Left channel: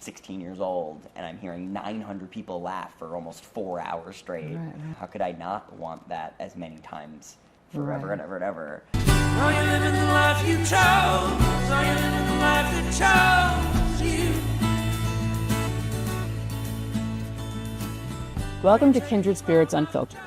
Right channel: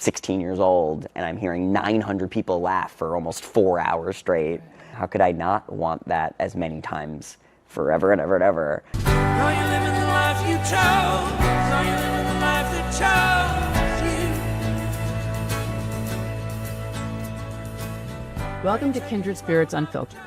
16 years old and I'm hearing 900 people laugh for almost 4 hours straight. Right. How could I not want that as many times forever and ever and ever? Are you living the life you chose? Are you living the life that chose you? Welcome to Kindred Spirits Unfiltered,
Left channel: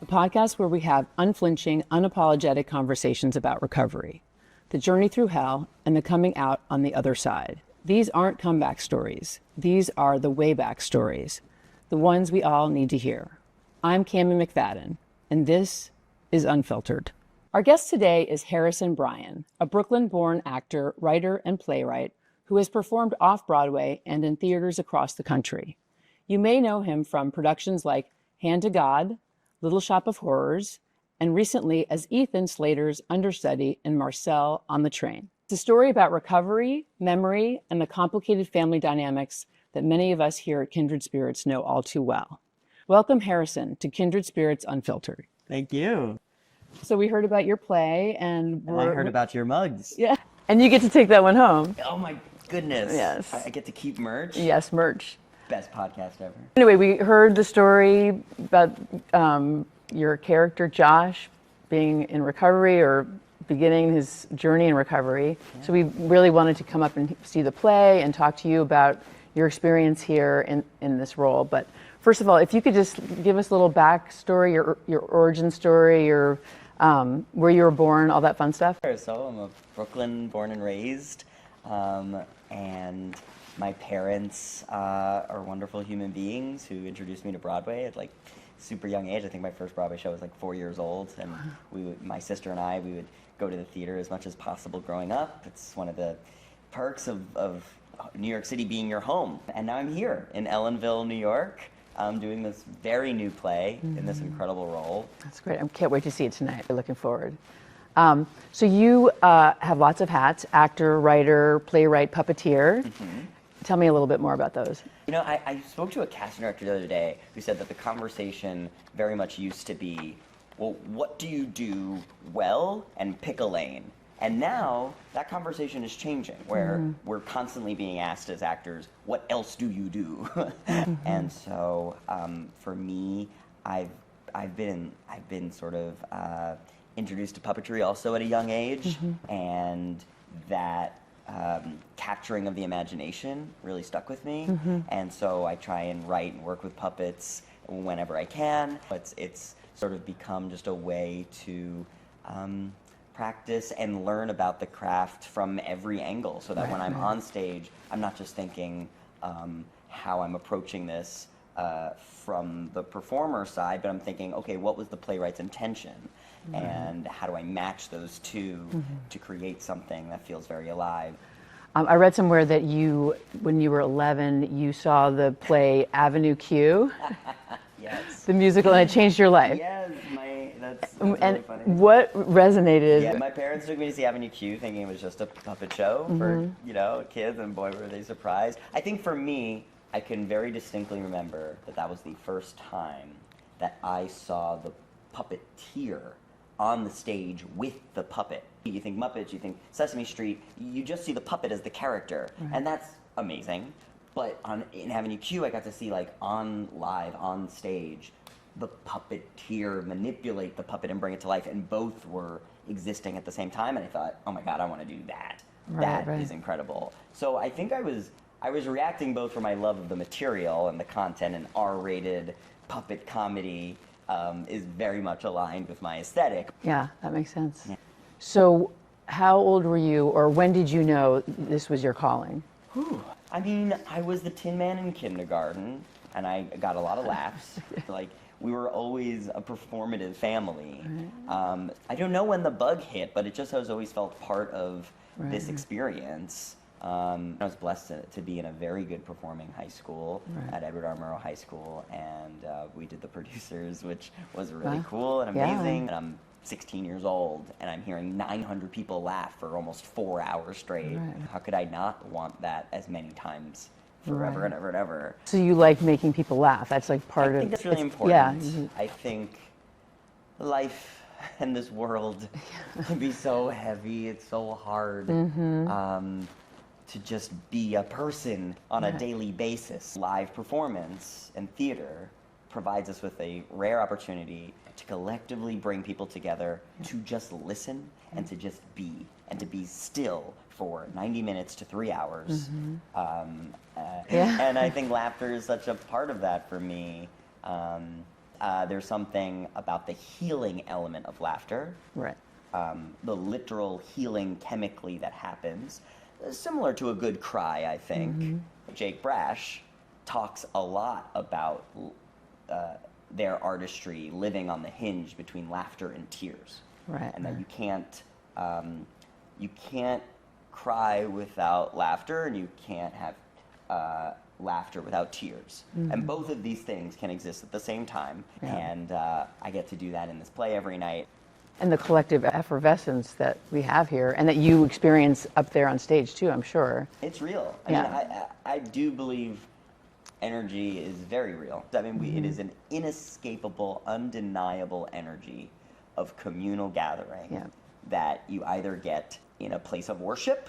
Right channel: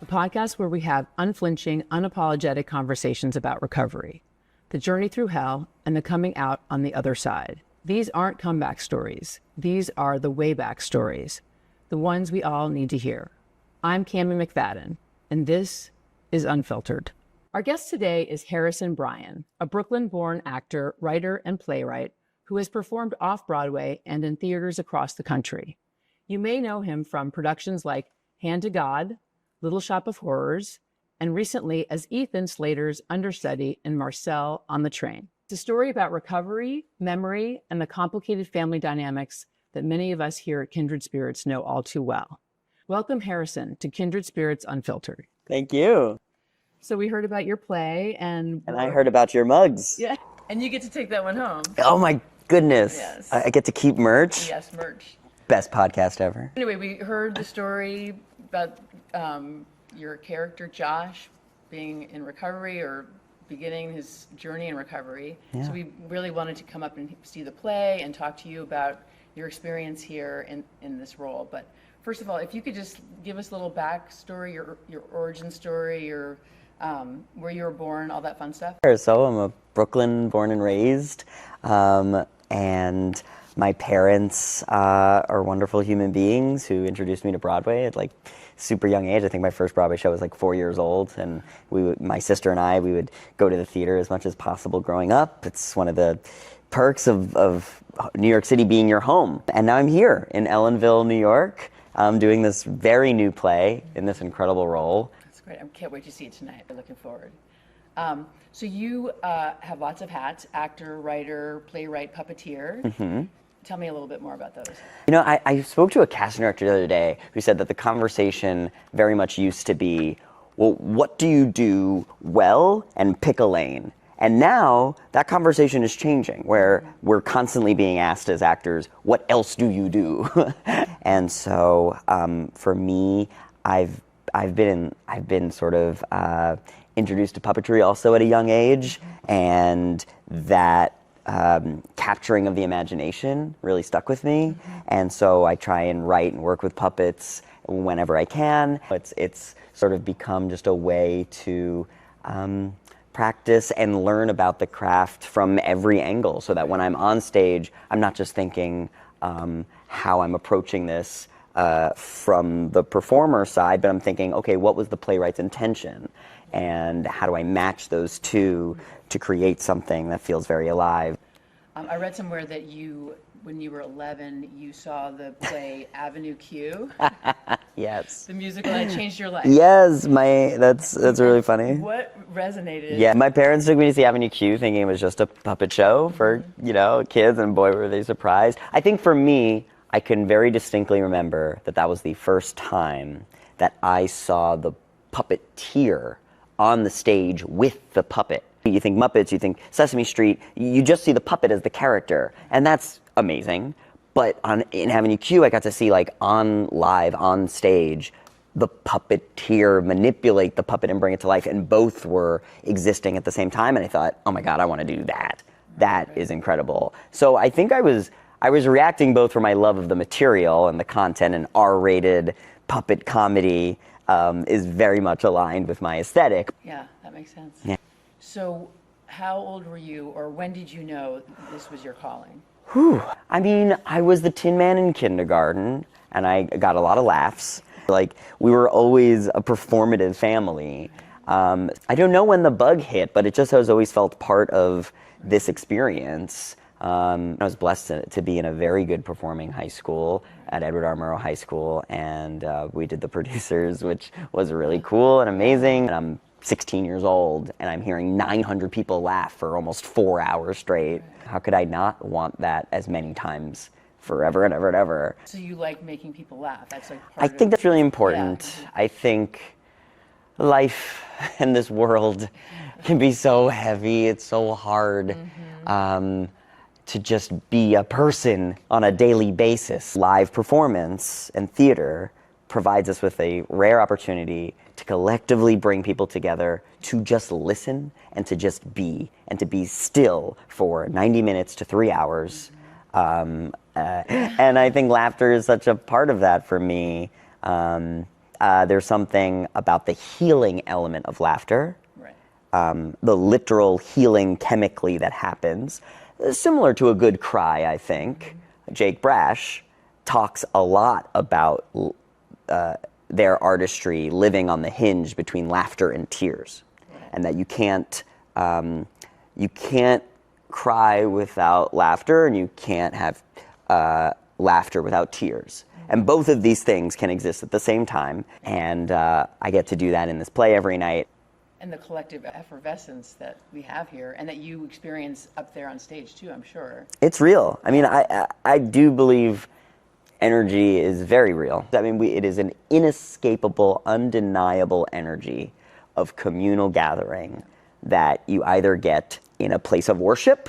the podcast where we have unflinching, unapologetic conversations about recovery, the journey through hell, and the coming out on the other side. These aren't comeback stories. These are the way back stories, the ones we all need to hear. I'm Cammy McFadden, and this is Unfiltered. Our guest today is Harrison Bryan, a Brooklyn-born actor, writer, and playwright who has performed off-Broadway and in theaters across the country. You may know him from productions like Hand to God, Little Shop of Horrors, and recently as Ethan Slater's understudy in Marcel on the Train. It's a story about recovery, memory, and the complicated family dynamics that many of us here at Kindred Spirits know all too well. Welcome, Harrison, to Kindred Spirits Unfiltered. Thank you. So we heard about your play and I heard about your mugs. Yeah. And you get to take that one home. Oh my goodness. Yes. I get to keep merch. Yes, merch. Best podcast ever. Anyway, we heard the story about your character, Josh, being in recovery or beginning his journey in recovery. Yeah. So we really wanted to come up and see the play and talk to you about your experience here in this role. But first of all, if you could just give us a little backstory, your origin story, your where you were born, all that fun stuff. So I'm a Brooklyn born and raised, and my parents are wonderful human beings who introduced me to Broadway at like super young age. I think my first Broadway show was like 4 years old, and my sister and I, we would go to the theater as much as possible growing up. It's one of the perks of New York City being your home. And now I'm here in Ellenville, New York, doing this very new play in this incredible role. That's great. I can't wait to see it tonight. I'm looking forward. So you have lots of hats: actor, writer, playwright, puppeteer. Mm-hmm. Tell me a little bit more about those. You know, I spoke to a casting director the other day who said that the conversation very much used to be, well, what do you do well, and pick a lane? And now that conversation is changing, where we're constantly being asked as actors, what else do you do? And so for me, I've been sort of introduced to puppetry also at a young age, and that capturing of the imagination really stuck with me. And so I try and write and work with puppets whenever I can. It's sort of become just a way to practice and learn about the craft from every angle, so that when I'm on stage, I'm not just thinking how I'm approaching this from the performer side, but I'm thinking, okay, what was the playwright's intention? And how do I match those two to create something that feels very alive? I read somewhere that when you were 11, you saw the play Avenue Q. Yes. The musical, and it changed your life. Yes, that's really funny. What resonated? Yeah, my parents took me to see Avenue Q thinking it was just a puppet show for, kids, and boy, were they surprised. I think for me, I can very distinctly remember that was the first time that I saw the puppeteer on the stage with the puppet. You think Muppets, you think Sesame Street, you just see the puppet as the character, and that's amazing. But in Avenue Q, I got to see live on stage, the puppeteer manipulate the puppet and bring it to life, and both were existing at the same time, and I thought, oh my God, I want to do that. That is incredible. So I think I was reacting both for my love of the material and the content, and R-rated puppet comedy is very much aligned with my aesthetic. Yeah, that makes sense. Yeah. So how old were you, or when did you know this was your calling? I mean, I was the Tin Man in kindergarten, and I got a lot of laughs. We were always a performative family. I don't know when the bug hit, but it just has always felt part of this experience. I was blessed to be in a very good performing high school at Edward R. Murrow High School, and we did the producers, which was really cool and amazing. And I'm 16 years old, and I'm hearing 900 people laugh for almost 4 hours straight. How could I not want that as many times forever and ever and ever? So you like making people laugh? That's like part of it. I think that's really important. Yeah. I think life and this world can be so heavy. It's so hard to just be a person on a daily basis. Live performance and theater provides us with a rare opportunity to collectively bring people together to just listen and to just be and to be still for 90 minutes to 3 hours. And I think laughter is such a part of that for me. There's something about the healing element of laughter. Right. The literal healing chemically that happens, similar to a good cry, I think. Jake Brash talks a lot about their artistry living on the hinge between laughter and tears, and that you can't cry without laughter, and you can't have laughter without tears. And both of these things can exist at the same time, and I get to do that in this play every night. And the collective effervescence that we have here, and that you experience up there on stage too, I'm sure. It's real. I mean, I do believe energy is very real. I mean, it is an inescapable, undeniable energy of communal gathering that you either get in a place of worship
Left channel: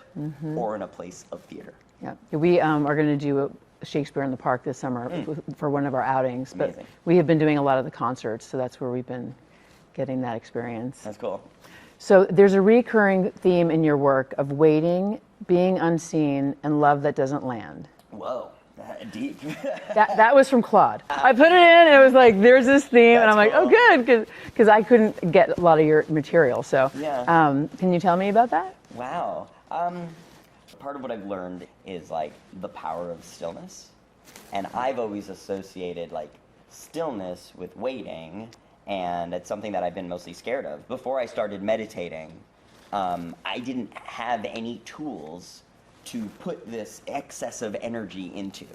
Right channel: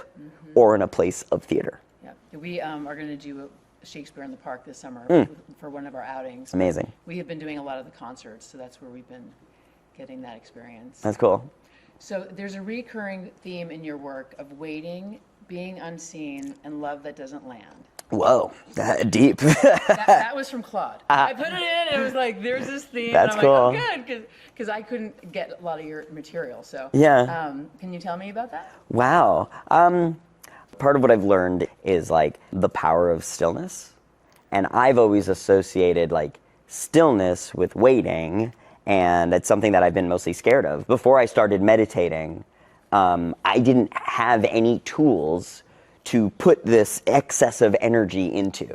or in a place of theater. Yeah, we are going to do Shakespeare in the Park this summer for one of our outings. Amazing. We have been doing a lot of the concerts, so that's where we've been getting that experience. That's cool. So there's a recurring theme in your work of waiting, being unseen, and love that doesn't land. Whoa, deep. That was from Claude. I put it in, and it was like, there's this theme, and I'm like, oh, good, because I couldn't get a lot of your material. So can you tell me about that? Wow. Part of what I've learned is like the power of stillness, and I've always associated like stillness with waiting, and it's something that I've been mostly scared of. Before I started meditating, I didn't have any tools to put this excess of energy into.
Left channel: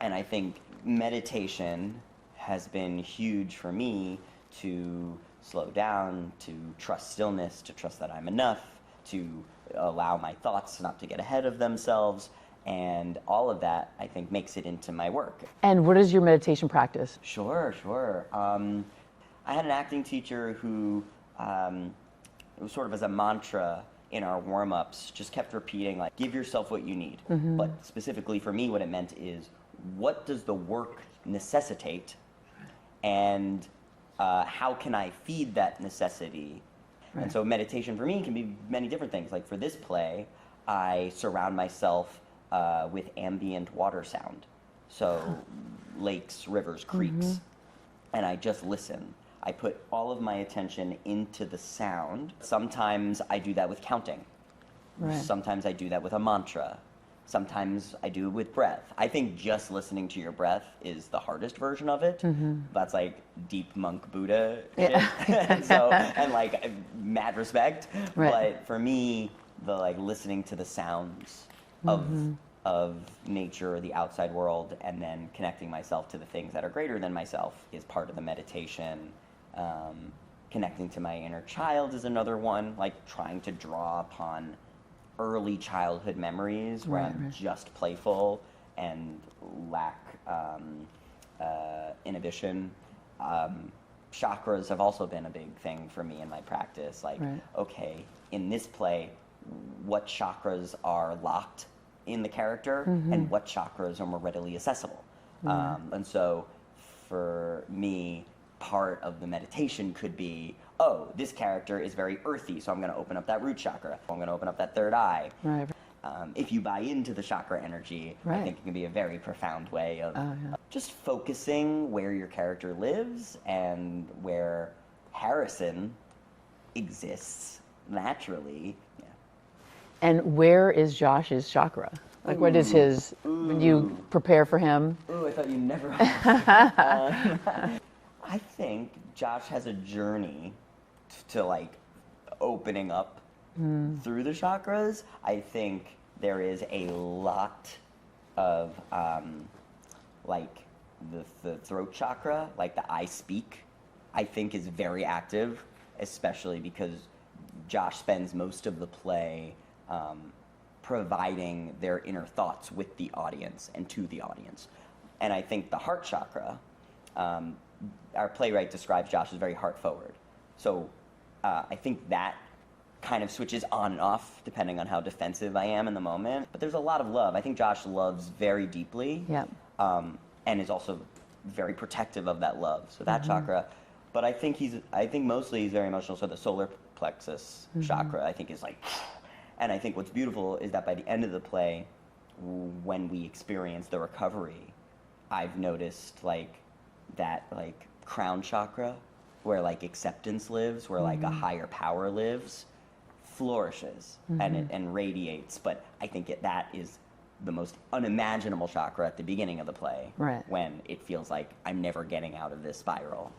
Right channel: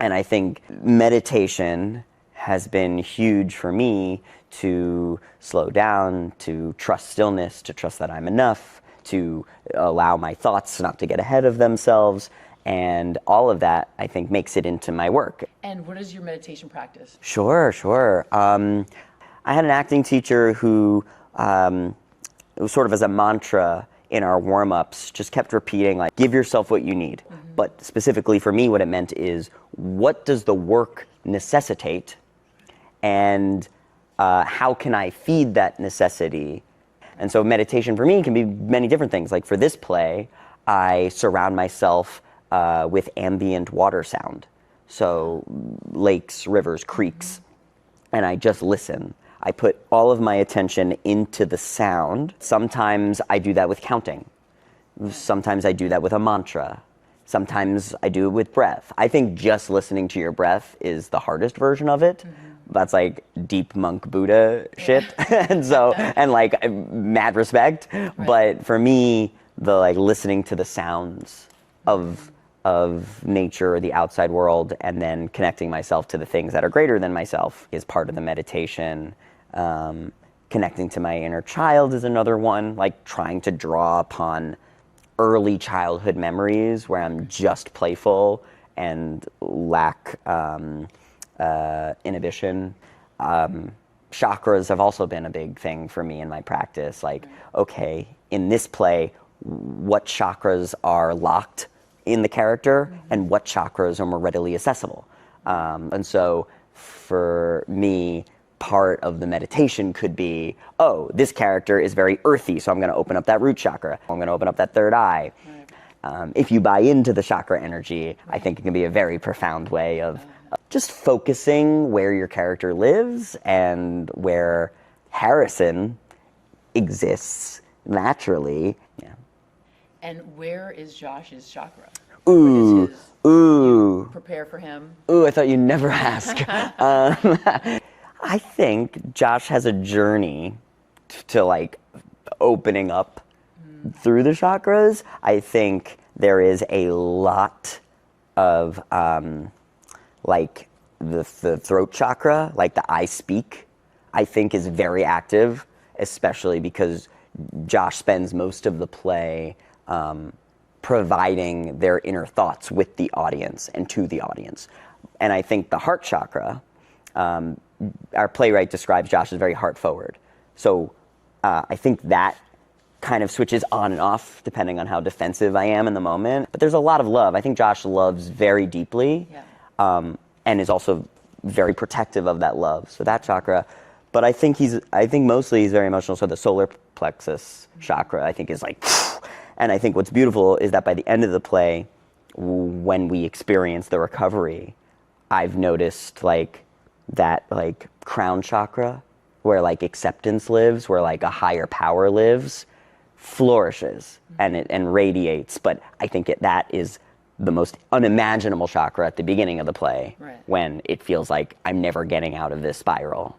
And I think meditation has been huge for me to slow down, to trust stillness, to trust that I'm enough, to allow my thoughts not to get ahead of themselves. And all of that, I think, makes it into my work. And what is your meditation practice? Sure. I had an acting teacher who, it was sort of as a mantra in our warm-ups, just kept repeating, like, give yourself what you need. But specifically for me, what it meant is, what does the work necessitate? And how can I feed that necessity? And so meditation for me can be many different things. Like for this play, I surround myself with ambient water sound. So lakes, rivers, creeks, and I just listen. I put all of my attention into the sound. Sometimes I do that with counting. Sometimes I do that with a mantra. Sometimes I do it with breath. I think just listening to your breath is the hardest version of it. That's like deep monk Buddha shit. and like mad respect. But for me, the like listening to the sounds of nature or the outside world, and then connecting myself to the things that are greater than myself is part of the meditation. Connecting to my inner child is another one, like trying to draw upon early childhood memories where I'm just playful and lack inhibition. Chakras have also been a big thing for me in my practice. Like, okay, in this play, what chakras are locked in the character and what chakras are more readily accessible? And so for me, part of the meditation could be, oh, this character is very earthy, so I'm going to open up that root chakra. I'm going to open up that third eye. If you buy into the chakra energy, I think it can be a very profound way of just focusing where your character lives and where Harrison exists naturally. And where is Josh's chakra? Like, what is his? You prepare for him? I thought you'd never ask. I think Josh has a journey to like opening up through the chakras. I think there is a lot of like the throat chakra, like the I speak, I think is very active, especially because Josh spends most of the play providing their inner thoughts with the audience and to the audience. And I think the heart chakra, our playwright describes Josh as very heart forward. So I think that kind of switches on and off depending on how defensive I am in the moment. But there's a lot of love. I think Josh loves very deeply, and is also very protective of that love. So that chakra. But I think mostly he's very emotional. So the solar plexus chakra, I think, is like, and I think what's beautiful is that by the end of the play, when we experience the recovery, I've noticed like that like crown chakra, where like acceptance lives, where like a higher power lives, flourishes and radiates. But I think that is the most unimaginable chakra at the beginning of the play, when it feels like I'm never getting out of this spiral.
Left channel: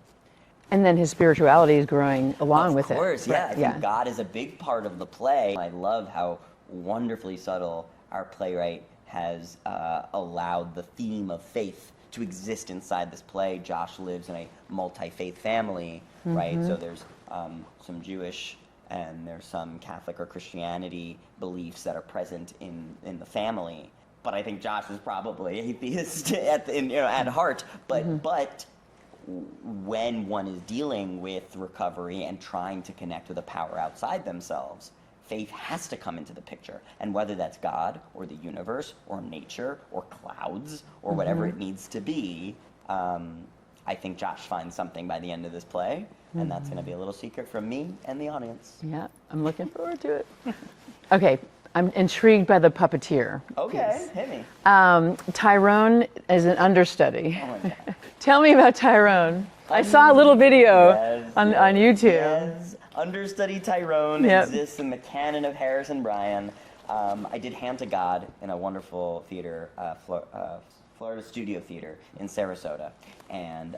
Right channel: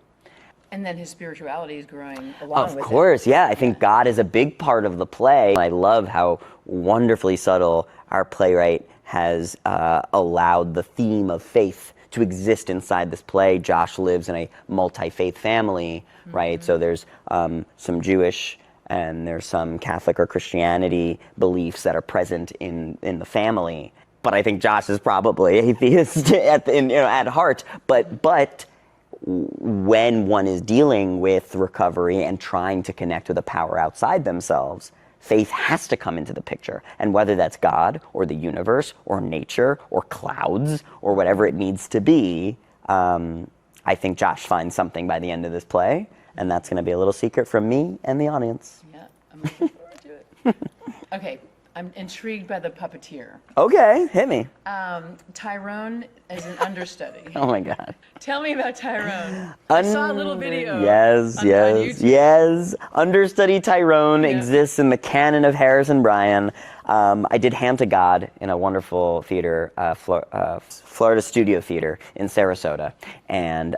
And then his spirituality is growing along with it. Of course, yeah. I think God is a big part of the play. I love how wonderfully subtle our playwright has allowed the theme of faith to exist inside this play. Josh lives in a multi-faith family, right? So there's some Jewish and there's some Catholic or Christianity beliefs that are present in the family. But I think Josh is probably atheist at heart. But when one is dealing with recovery and trying to connect with a power outside themselves, faith has to come into the picture. And whether that's God or the universe or nature or clouds or whatever it needs to be, I think Josh finds something by the end of this play. And that's going to be a little secret from me and the audience. Yeah, I'm looking forward to it. Okay, I'm intrigued by the puppeteer. Okay, hit me. Tyrone is an understudy. Oh my God. Tell me about Tyrone. I saw a little video on YouTube. Yes, understudy Tyrone exists in the canon of Harrison Bryan. I did Hand to God in a wonderful theater, Florida Studio Theater in Sarasota. And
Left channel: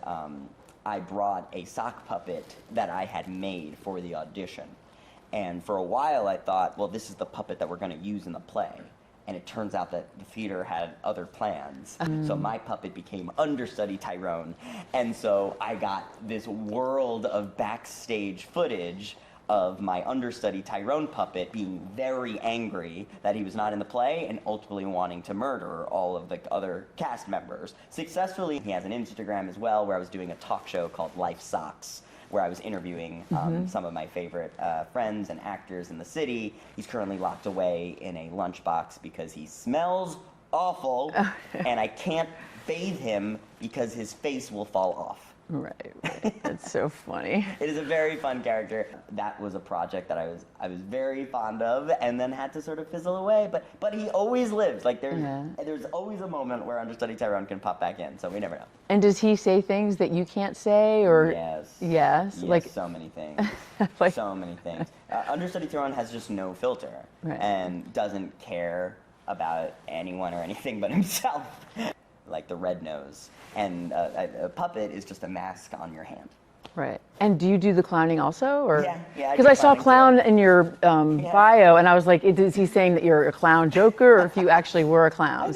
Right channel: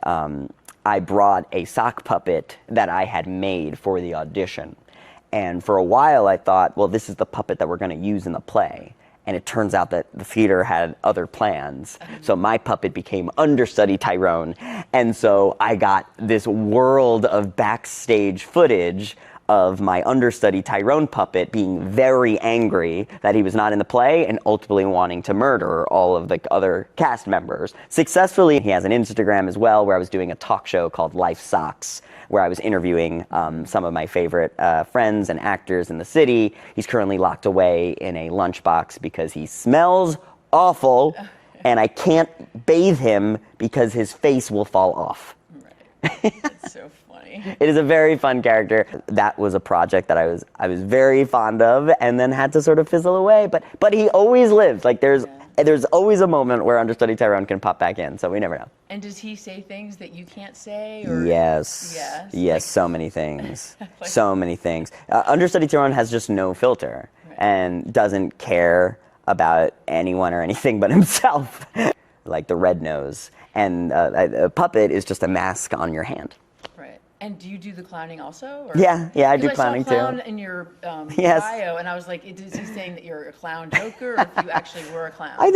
I brought a sock puppet that I had made for the audition. And for a while I thought, well, this is the puppet that we're going to use in the play. And it turns out that the theater had other plans. So my puppet became understudy Tyrone. And so I got this world of backstage footage of my understudy Tyrone puppet being very angry that he was not in the play and ultimately wanting to murder all of the other cast members. Successfully, he has an Instagram as well where I was doing a talk show called Life Socks, where I was interviewing some of my favorite friends and actors in the city. He's currently locked away in a lunchbox because he smells awful and I can't bathe him because his face will fall off. Right. That's so funny. It is a very fun character. That was a project that I was very fond of and then had to sort of fizzle away. But he always lives. Like there's always a moment where understudy Tyrone can pop back in, so we never know. And does he say things that you can't say, or? Yes. Yes. Yes, like, so many things. So many things. Understudy Tyrone has just no filter and doesn't care about anyone or anything but himself. Like the red nose. And a puppet is just a mask on your hand. Right. And do you do the clowning also? Or? Yeah, I do Because I saw clowning clown too. in your bio, and I was like, is he saying that you're a clown joker, or if you actually were a clown? I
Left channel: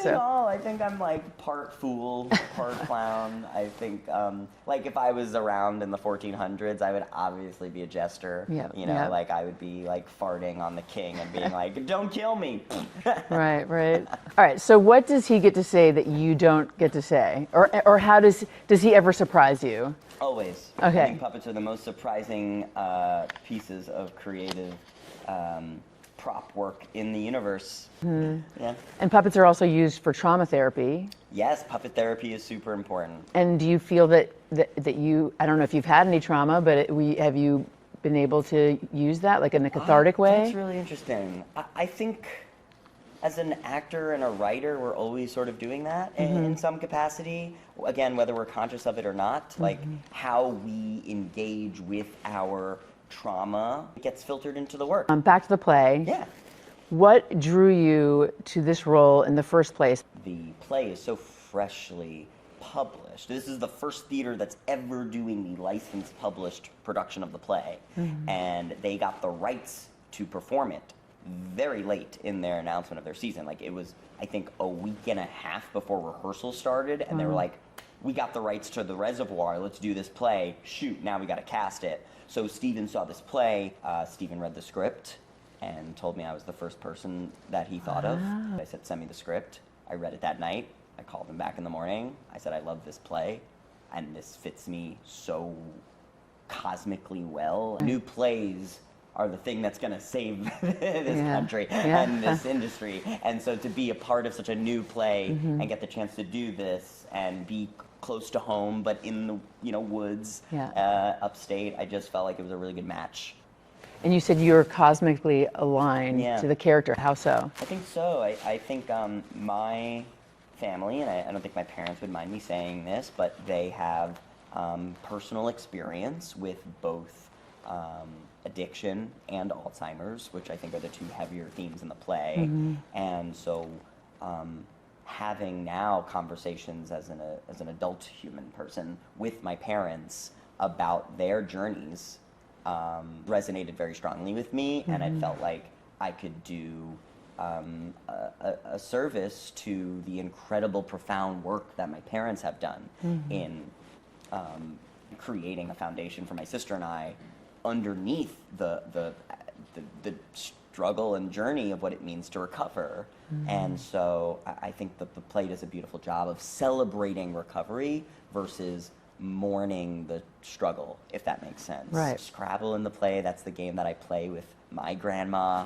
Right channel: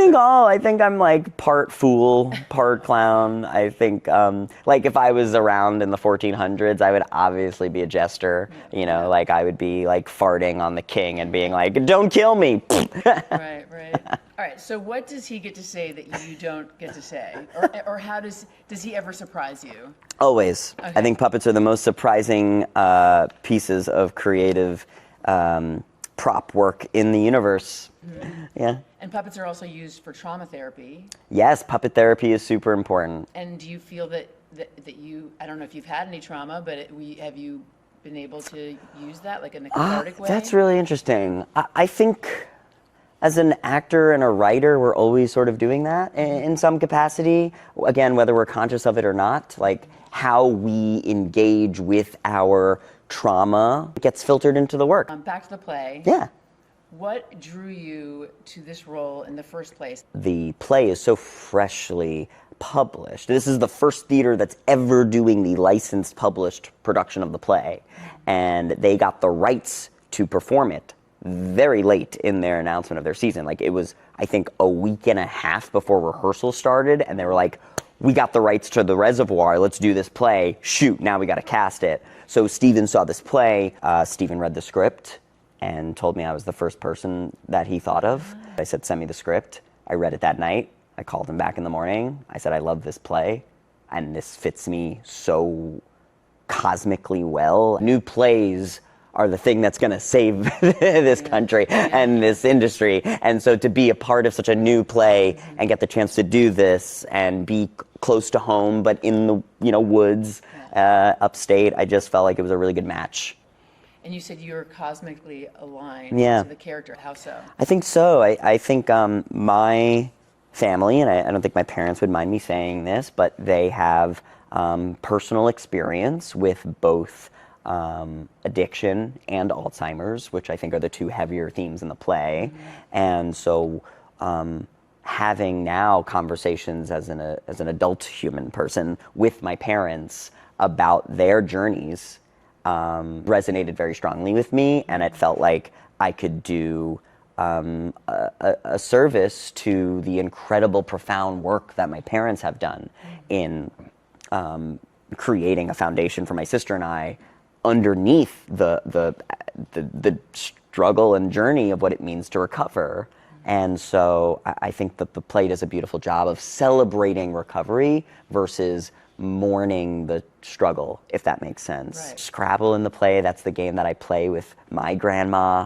think I'm like part fool, part clown. I think like if I was around in the 1400s, I would obviously be a jester. Like I would be like farting on the king and being like, "Don't kill me." Right. All right. So what does he get to say that you don't get to say, or how does he ever surprise you? Always. Okay. I think puppets are the most surprising pieces of creative prop work in the universe. Yeah. And puppets are also used for trauma therapy. Yes, puppet therapy is super important. And do you feel that you, I don't know if you've had any trauma, but have you been able to use that, like in a cathartic way? That's really interesting. I think as an actor and a writer, we're always sort of doing that in some capacity. Again, whether we're conscious of it or not, like how we engage with our trauma gets filtered into the work. Back to the play. Yeah. What drew you to this role in the first place? The play is so freshly published. This is the first theater that's ever doing the licensed published production of the play. And they got the rights to perform it very late in their announcement of their season. Like it was, I think, a week and a half before rehearsal started, and they were like, we got the rights to the Reservoir, let's do this play. Shoot, now we got to cast it. So Steven saw this play. Steven read the script and told me I was the first person that he thought of. I said, send me the script. I read it that night. I called him back in the morning. I said, I love this play, and this fits me so cosmically well. New plays are the thing that's going to save this country and this industry. And so to be a part of such a new play and get the chance to do this and be close to home, but in the woods upstate, I just felt like it was a really good match. And you said you were cosmically aligned to the character. How so? I think so. I think my family, and I don't think my parents would mind me saying this, but they have personal experience with both addiction and Alzheimer's, which I think are the two heavier themes in the play. And so having now conversations as an adult human person with my parents about their journeys resonated very strongly with me, and it felt like I could do a service to the incredible, profound work that my parents have done in creating a foundation for my sister and I underneath the struggle and journey of what it means to recover. And so I think that the play does a beautiful job of celebrating recovery versus mourning the struggle, if that makes sense. Right. Scrabble in the play, that's the game that I play with my grandma.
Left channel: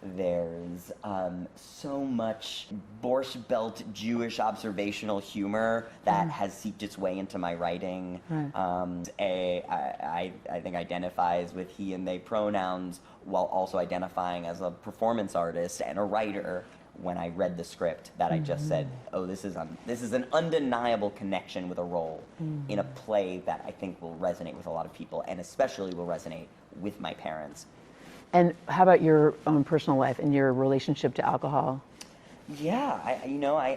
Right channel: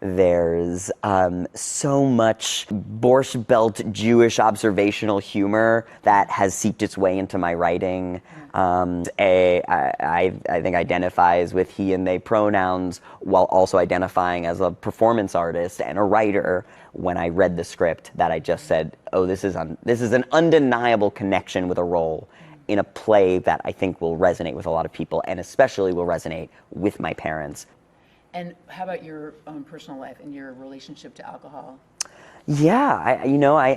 There's so much Borscht Belt Jewish observational humor that has seeped its way into my writing. I think identifies with he and they pronouns while also identifying as a performance artist and a writer. When I read the script, that I just said, oh, this is an undeniable connection with a role in a play that I think will resonate with a lot of people, and especially will resonate with my parents. And how about your own personal life and your relationship to alcohol? Yeah,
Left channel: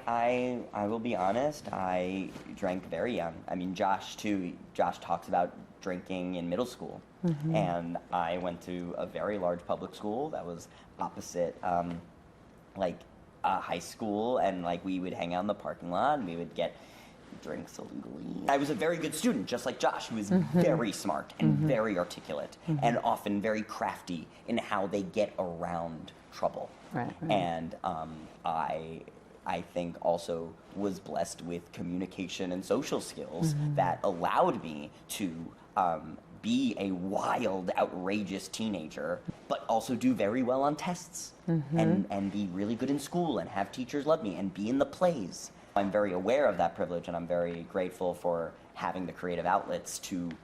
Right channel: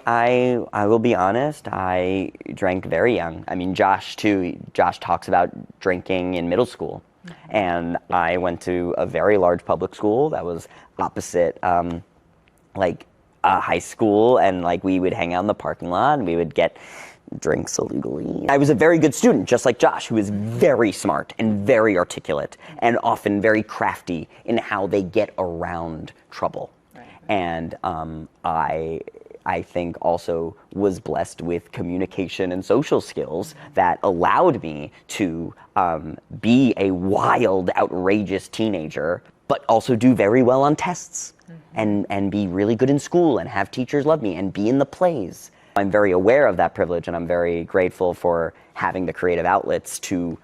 I will be honest, I drank very young. I mean, Josh too, Josh talks about drinking in middle school. And I went to a very large public school that was opposite high school, and we would hang out in the parking lot and we would get drinks illegally. I was a very good student, just like Josh, who is very smart and very articulate and often very crafty in how they get around trouble. And I think also was blessed with communication and social skills that allowed me to be a wild, outrageous teenager, but also do very well on tests and be really good in school and have teachers love me and be in the plays. I'm very aware of that privilege, and I'm very grateful for having the creative outlets to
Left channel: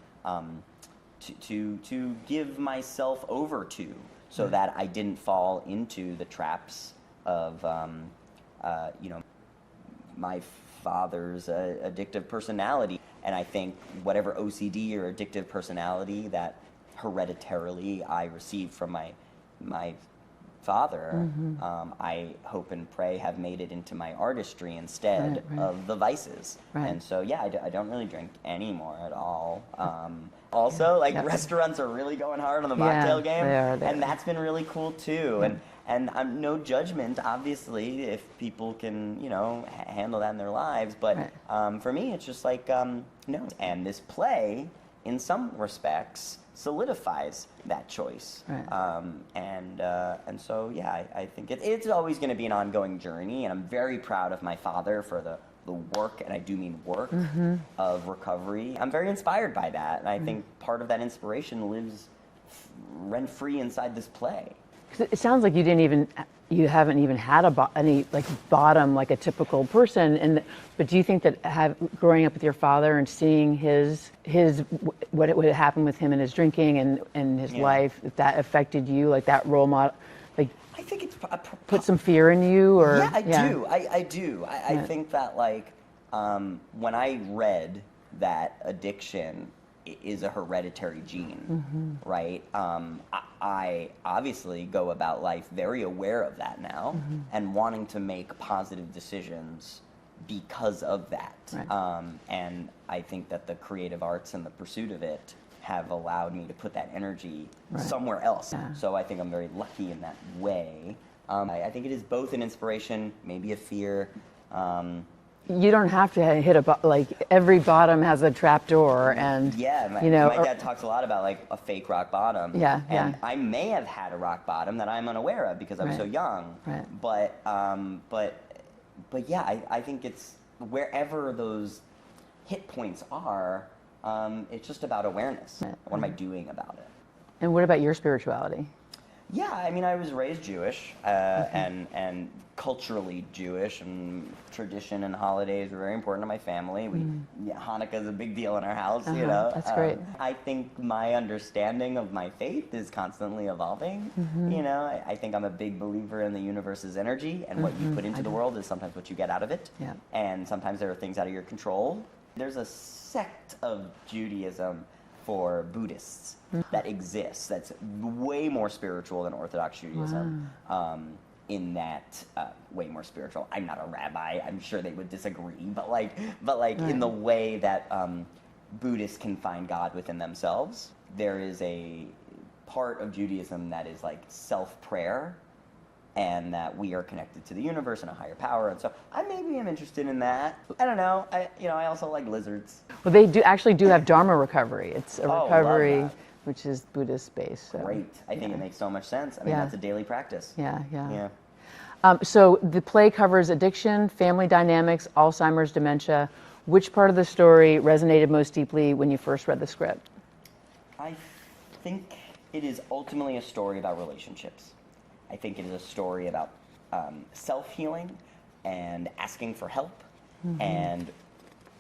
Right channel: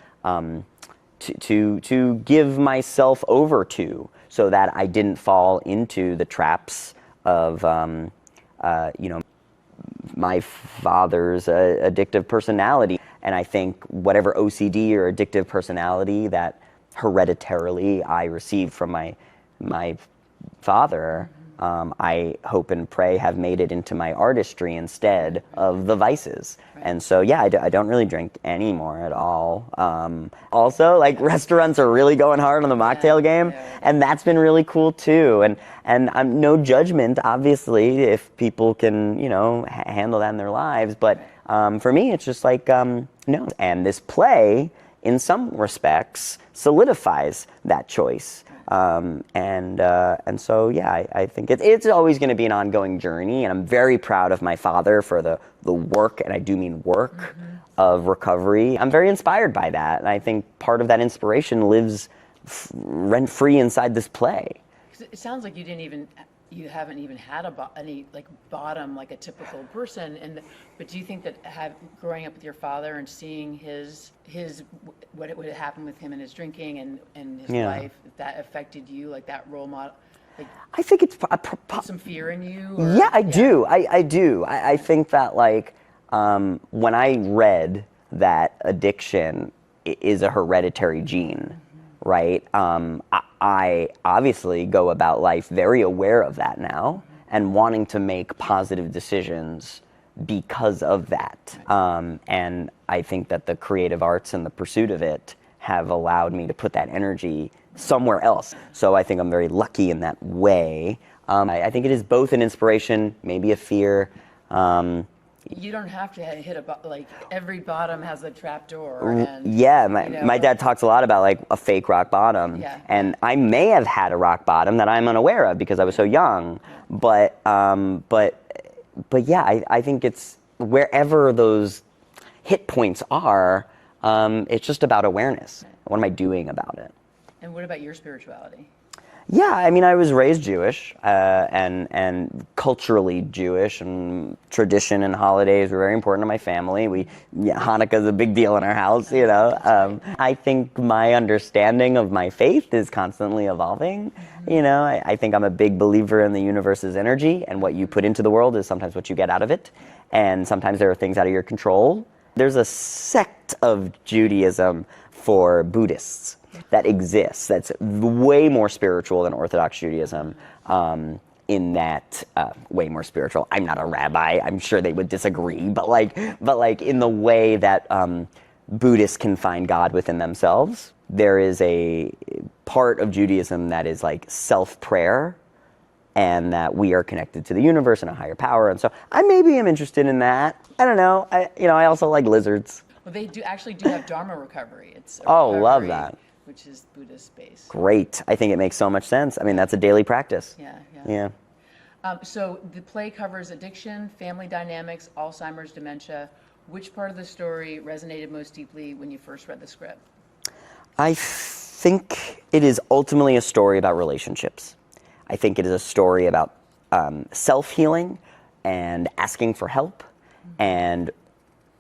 give myself over to, so that I didn't fall into the traps of my father's addictive personality. And I think whatever OCD or addictive personality that hereditarily I received from my father, I hope and pray have made it into my artistry instead of the vices. And so, yeah, I don't really drink anymore at all. Also, restaurants are really going hard on the mocktail game, and that's been really cool too. And I'm no judgment, obviously, if people can, handle that in their lives. But for me, it's just no. And this play, in some respects, solidifies that choice. And so, yeah, I think it's always going to be an ongoing journey, and I'm very proud of my father for the work, and I do mean work, of recovery. I'm very inspired by that, and I think part of that inspiration lives rent-free inside this play. It sounds like you haven't even had any bottom like a typical person, but do you think that growing up with your father and seeing what would happen with him and his drinking and his life, that affected you, like that role model? I think it's put some fear in you, or I do. I think that when I read that addiction is a hereditary gene, right? I obviously go about life very aware of that now and wanting to make positive decisions because of that. And I think that the creative arts and the pursuit of it have allowed me to put that energy somewhere else. So I think I'm very lucky in that way. I think it is both an inspiration, maybe a fear. You don't have to hit every bottom has a trap door, and my dad talks a lot about a fake rock bottom, and I may have had a rock bottom that I'm unaware of because I was so young, but yeah, I think it's wherever those hit points are, it's just about awareness. What am I doing about it? And what about your spirituality? Yeah, I mean, I was raised Jewish and culturally Jewish, and tradition and holidays were very important to my family. Hanukkah's a big deal in our house, you know. That's great. I think my understanding of my faith is constantly evolving. You know, I think I'm a big believer in the universe's energy, and what you put into the world is sometimes what you get out of it. Yeah. And sometimes there are things out of your control. There's a sect of Judaism for Buddhists that exists that's way more spiritual than Orthodox Judaism. In that, way more spiritual. I'm not a rabbi. I'm sure they would disagree, but like in the way that Buddhists can find God within themselves, there is a part of Judaism that is like self-prayer, and that we are connected to the universe and a higher power. And so I maybe am interested in that. I don't know. I also like lizards. Well, they do have Dharma recovery. It's a Oh, love recovery that. which is Buddhist based. Great. I think it makes so much sense. I mean, Yeah. that's a daily practice. Yeah. Yeah. So the play covers addiction, family dynamics, Alzheimer's, dementia. Which part of the story resonated most deeply when you first read the script? I think it is ultimately a story about relationships. I think it is a story about self-healing and asking for help and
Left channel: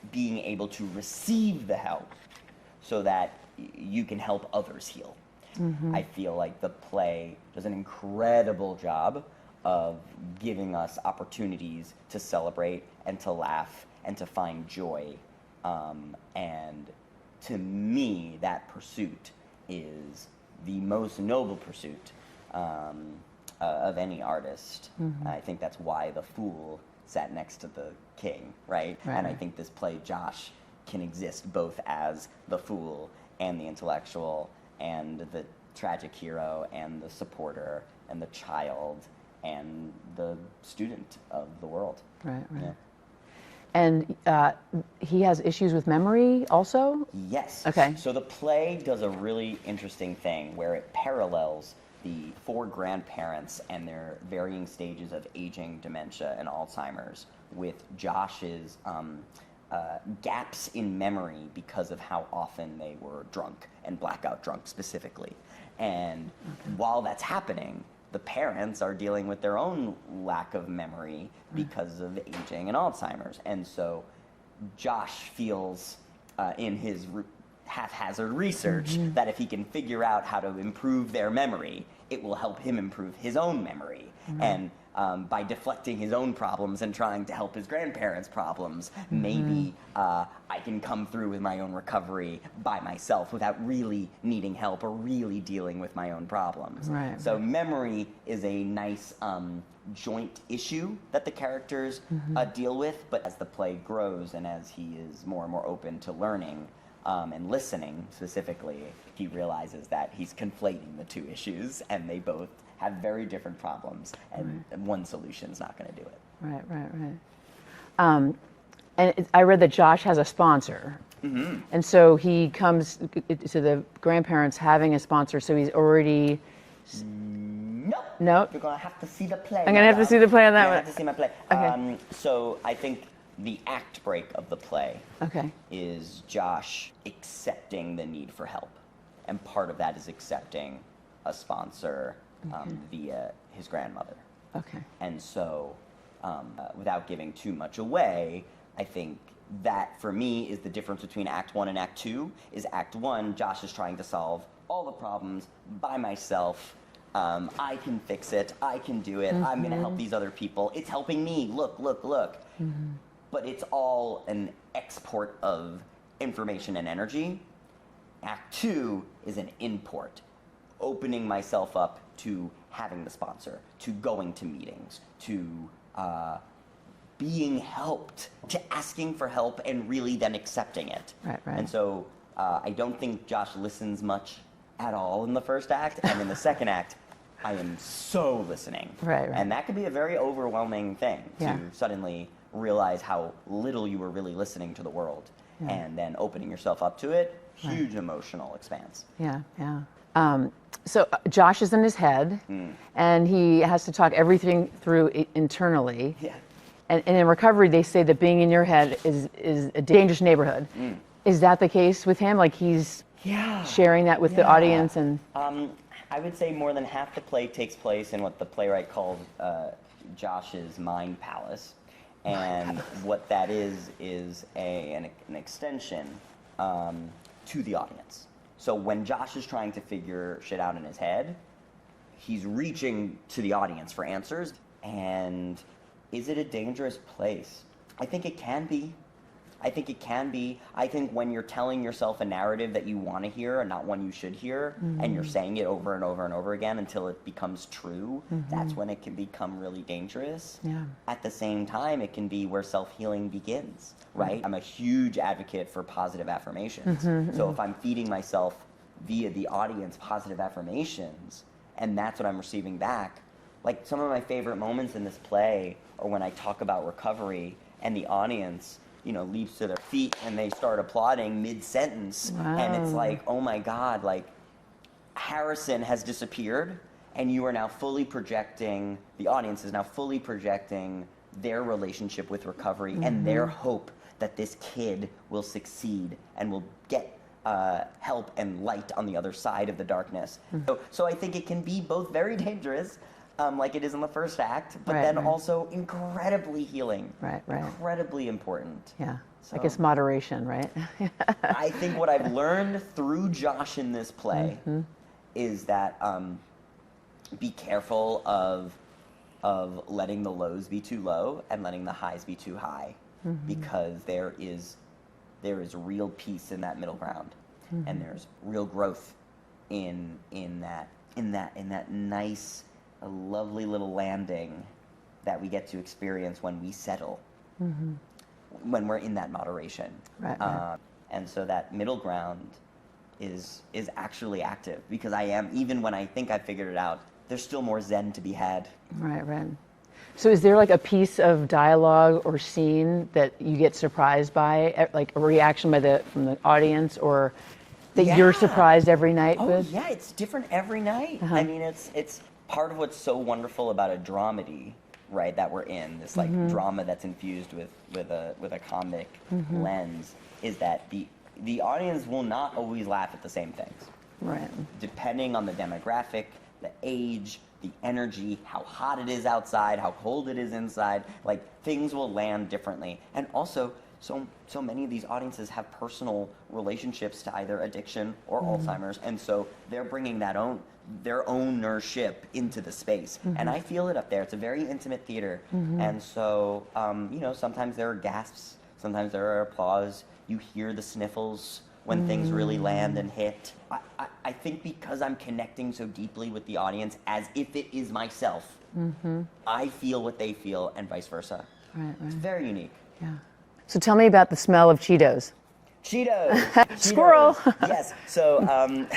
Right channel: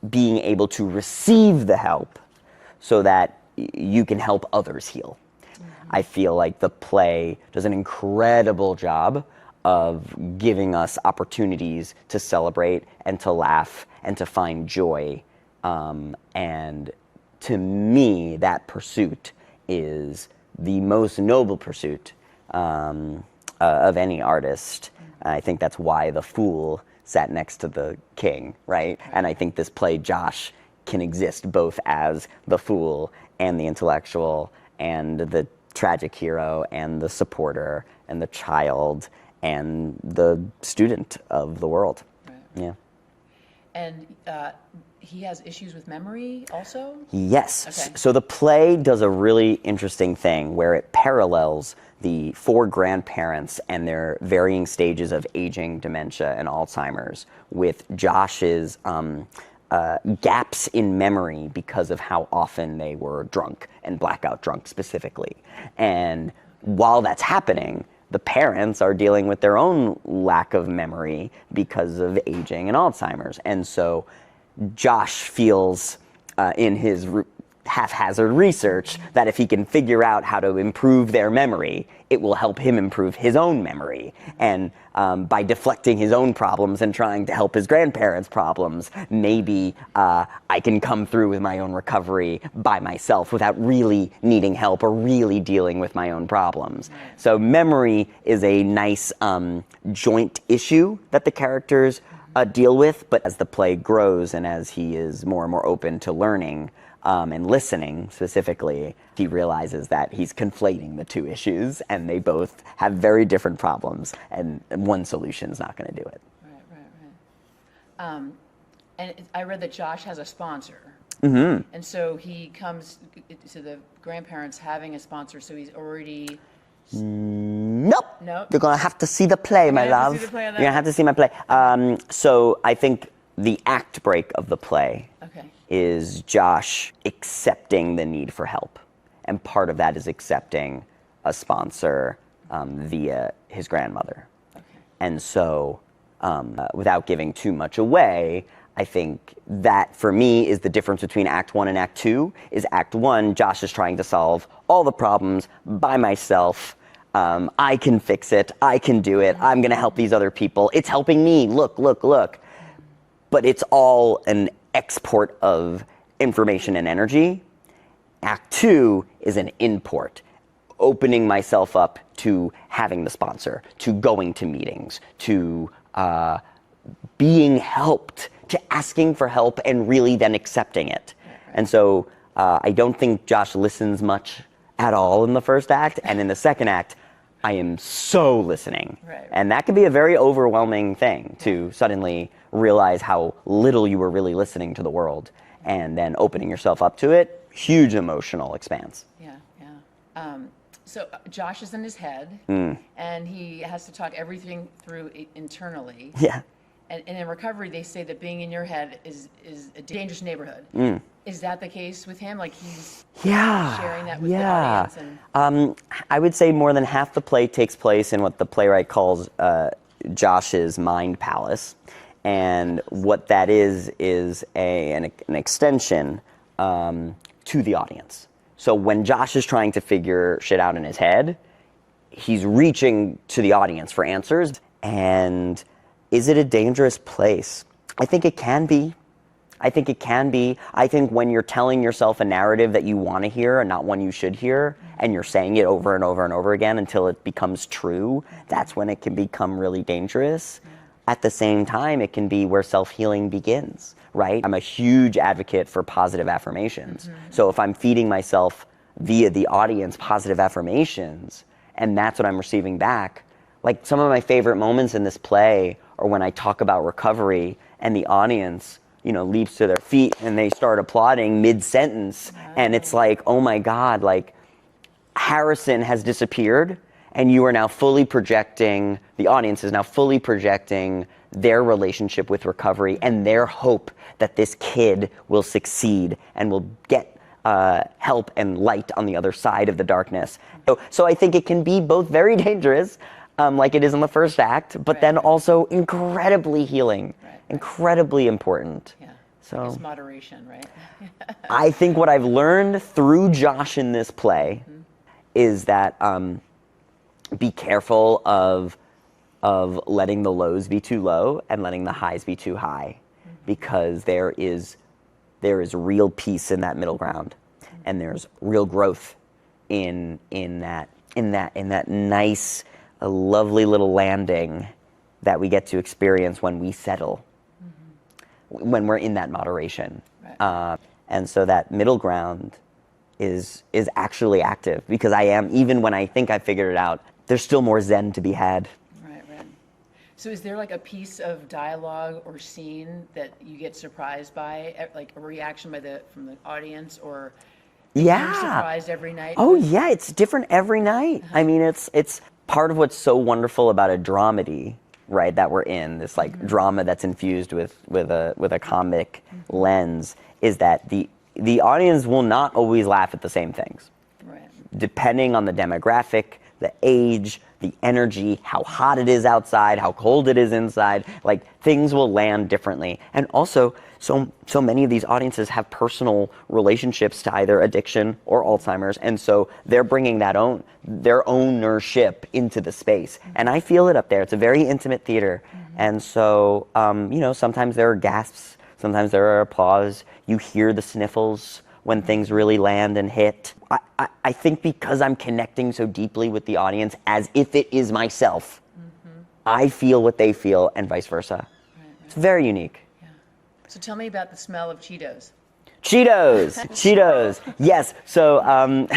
being able to receive the help so that you can help others heal. I feel like the play does an incredible job of giving us opportunities to celebrate and to laugh and to find joy. And to me, that pursuit is the most noble pursuit of any artist. I think that's why the fool sat next to the king, right? And I think this play, Josh, can exist both as the fool and the intellectual and the tragic hero and the supporter and the child and the student of the world. Right. Yeah. And he has issues with memory also? Yes. Okay. So the play does a really interesting thing where it parallels the 4 grandparents and their varying stages of aging, dementia, and Alzheimer's with Josh's gaps in memory because of how often they were drunk and blackout drunk specifically. And while that's happening, the parents are dealing with their own lack of memory because of aging and Alzheimer's. And so Josh feels in his haphazard research that if he can figure out how to improve their memory, it will help him improve his own memory. And by deflecting his own problems and trying to help his grandparents' problems, maybe I can come through with my own recovery by myself without really needing help or really dealing with my own problems. Right. So memory is a nice joint issue that the characters deal with, but as the play grows and as he is more and more open to learning, and listening specifically, he realizes that he's conflating the 2 issues and they both have very different problems and one solution is not going to do it. Right. And I read that Josh has a sponsor. And so he comes to the grandparents having a sponsor, so he's already... Nope. Nope. You're going to have to see the play, I'm my going to have love. to see the play on that You're one. going to have to see my play. Okay. So I think the act break of the play Okay. is Josh accepting the need for help. And part of that is accepting a sponsor via his grandmother. Okay. And so, without giving too much away, I think that for me is the difference between Act 1 and Act 2. Is Act 1, Josh is trying to solve all the problems by myself. I can fix it. I can do it. I'm going to help these other people. It's helping me. Look, look, look. But it's all an export of information and energy. Act 2 is an import, opening myself up to having the sponsor, to going to meetings, to being helped, to asking for help and really then accepting it. Right. And so I don't think Josh listens much at all in the first act, and in the second act, I am so listening. Right. And that can be a very overwhelming thing to suddenly realize how little you were really listening to the world, and then opening yourself up to it, huge emotional expanse. Yeah. So Josh is in his head, and he has to talk everything through internally. Yeah. And in recovery, they say that being in your head is a dangerous neighborhood. Is that the case with him? Like he's sharing that with the audience? And I would say more than half the play takes place in what the playwright calls Josh's mind palace. And what that is an extension to the audience. So when Josh is trying to figure shit out in his head, he's reaching to the audience for answers. And is it a dangerous place? I think it can be. I think when you're telling yourself a narrative that you want to hear and not one you should hear, and you're saying it over and over and over again until it becomes true, that's when it can become really dangerous. At the same time, it can be where self-healing begins, right? I'm a huge advocate for positive affirmations. So if I'm feeding myself via the audience positive affirmations, and that's what I'm receiving back, like some of my favorite moments in this play are when I talk about recovery and the audience leaps to their feet and they start applauding mid-sentence. And it's like, oh my God, like Harrison has disappeared and you are now fully projecting, the audience is now fully projecting their relationship with recovery and their hope that this kid will succeed and will get help and light on the other side of the darkness. So I think it can be both very dangerous, like it is in the first act, but then also incredibly healing, incredibly important. Yeah, so I guess moderation, right? I think what I've learned through Josh in this play is that be careful of letting the lows be too low and letting the highs be too high, because there is real peace in that middle ground, and there's real growth in that nice, a lovely little landing that we get to experience when we settle, when we're in that moderation. And so that middle ground is actually active, because I am, even when I think I figured it out, there's still more zen to be had. Right. So is there like a piece of dialogue or scene that you get surprised by, like a reaction from the audience, or that you're surprised every night? Oh yeah, it's different every night. I mean, it's part of what's so wonderful about a dramedy, right, that we're in, this like drama that's infused with a comic lens, is that the audience will not always laugh at the same things. Right. Depending on the demographic, the age, the energy, how hot it is outside, how cold it is inside, like things will land differently. And also, so many of these audiences have personal relationships to either addiction or Alzheimer's, and so they're bringing their ownership into the space. And I feel it up there. It's a very intimate theater. And so, sometimes there are gasps, sometimes there are applause. You hear the sniffles when things really land and hit. I think because I'm connecting so deeply with the audience as if it is myself, I feel what they feel and vice versa. It's very unique. Yeah. So tell me about the smell of Cheetos. Cheetos. Yes. So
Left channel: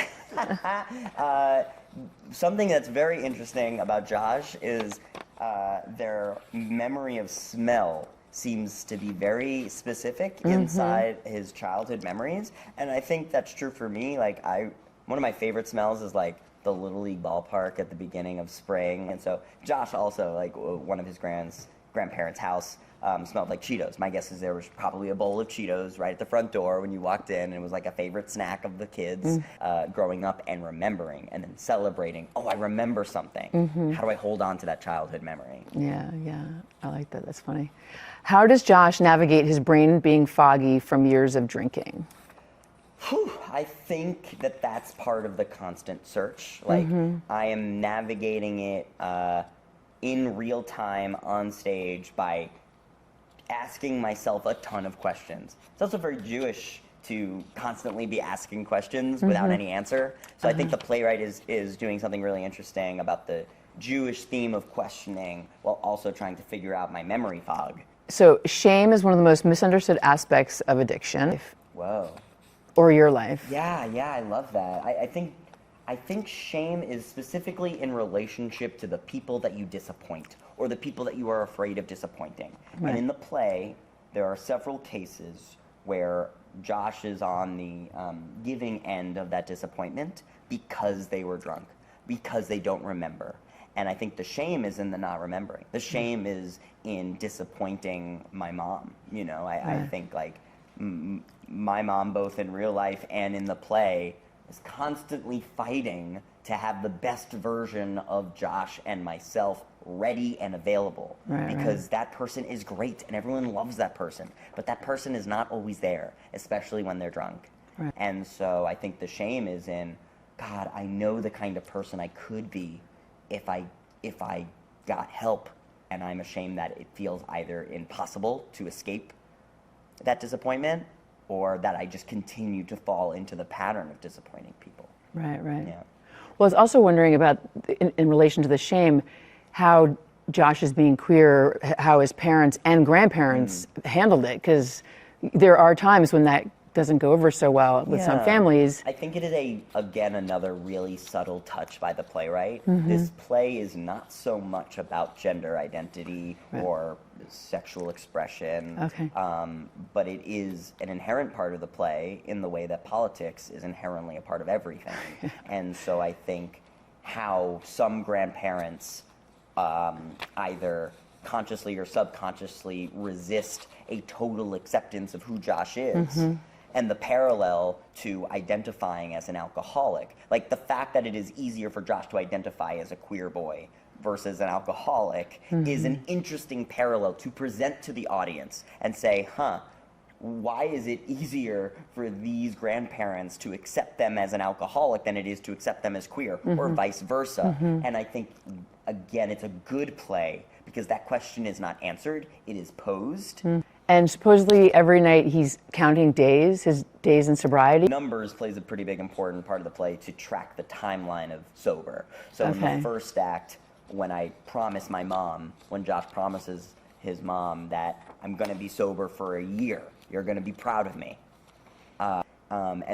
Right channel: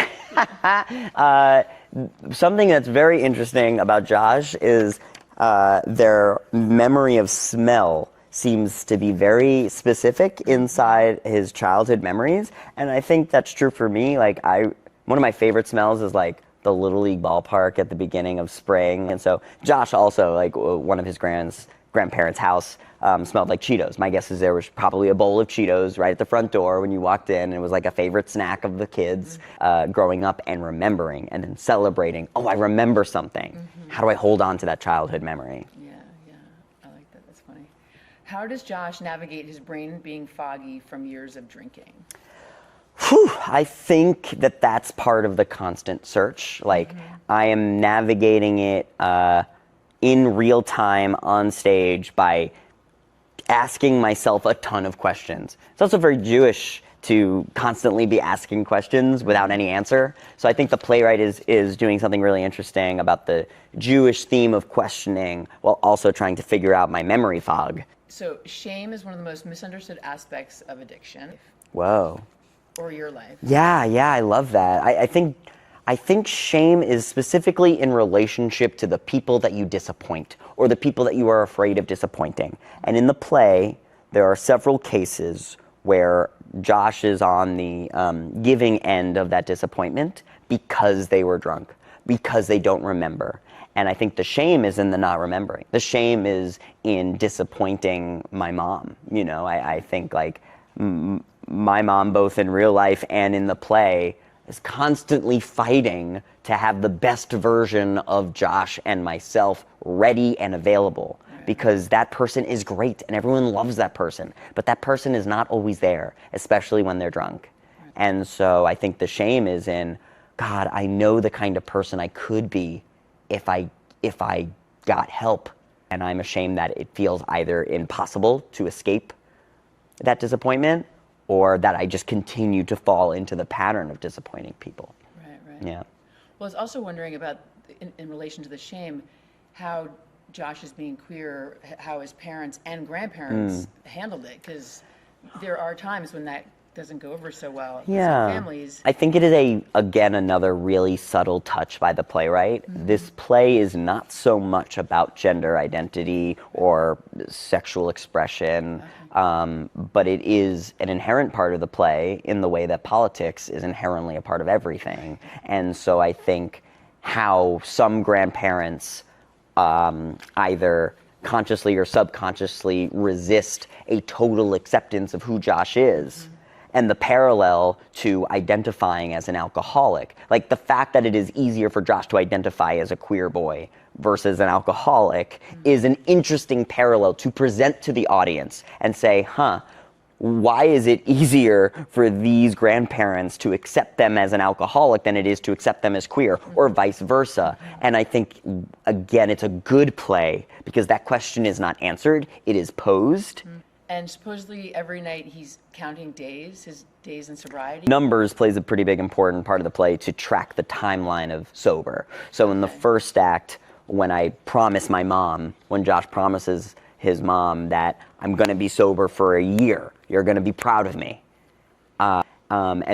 something that's very interesting about Josh is their memory of smell seems to be very specific inside his childhood memories, and I think that's true for me. Like one of my favorite smells is like the Little League ballpark at the beginning of spring, and so Josh also, like one of his grandparents' house smelled like Cheetos. My guess is there was probably a bowl of Cheetos right at the front door when you walked in, and it was like a favorite snack of the kids growing up and remembering and then celebrating. Oh, I remember something. How do I hold on to that childhood memory? Yeah, I like that. That's funny. How does Josh navigate his brain being foggy from years of drinking? I think that's part of the constant search. Like I am navigating it in real time on stage by asking myself a ton of questions. It's also very Jewish to constantly be asking questions without any answer. So I think the playwright is doing something really interesting about the Jewish theme of questioning while also trying to figure out my memory fog. So shame is one of the most misunderstood aspects of addiction. Whoa. Or your life. Yeah, I love that. I think shame is specifically in relationship to the people that you disappoint or the people that you are afraid of disappointing. Right. And in the play, there are several cases where Josh is on the giving end of that disappointment because they were drunk, because they don't remember. And I think the shame is in the not remembering. The shame is in disappointing my mom. You know, I think like my mom, both in real life and in the play, is constantly fighting to have the best version of Josh and myself ready and available, because that person is great and everyone loves that person, but that person is not always there, especially when they're drunk. And so I think the shame is in, God, I know the kind of person I could be if I got help, and I'm ashamed that it feels either impossible to escape that disappointment, or that I just continue to fall into the pattern of disappointing people. Right. Yeah. Well, I was also wondering about, in relation to the shame, how Josh is being queer, how his parents and grandparents handled it, because there are times when that doesn't go over so well with some families. I think it is again another really subtle touch by the playwright. This play is not so much about gender identity or sexual expression, but it is an inherent part of the play in the way that politics is inherently a part of everything. And so I think how some grandparents either consciously or subconsciously resist a total acceptance of who Josh is, and the parallel to identifying as an alcoholic. Like the fact that it is easier for Josh to identify as a queer boy versus an alcoholic is an interesting parallel to present to the audience and say, why is it easier for these grandparents to accept them as an alcoholic than it is to accept them as queer, or vice versa? And I think, again, it's a good play because that question is not answered, it is posed. And supposedly every night he's counting days, his days in sobriety. Numbers plays a pretty big important part of the play to track the timeline of sober. So in the first act, when I promise my mom, when Josh promises his mom that I'm gonna be sober for a year, you're gonna be proud of me. And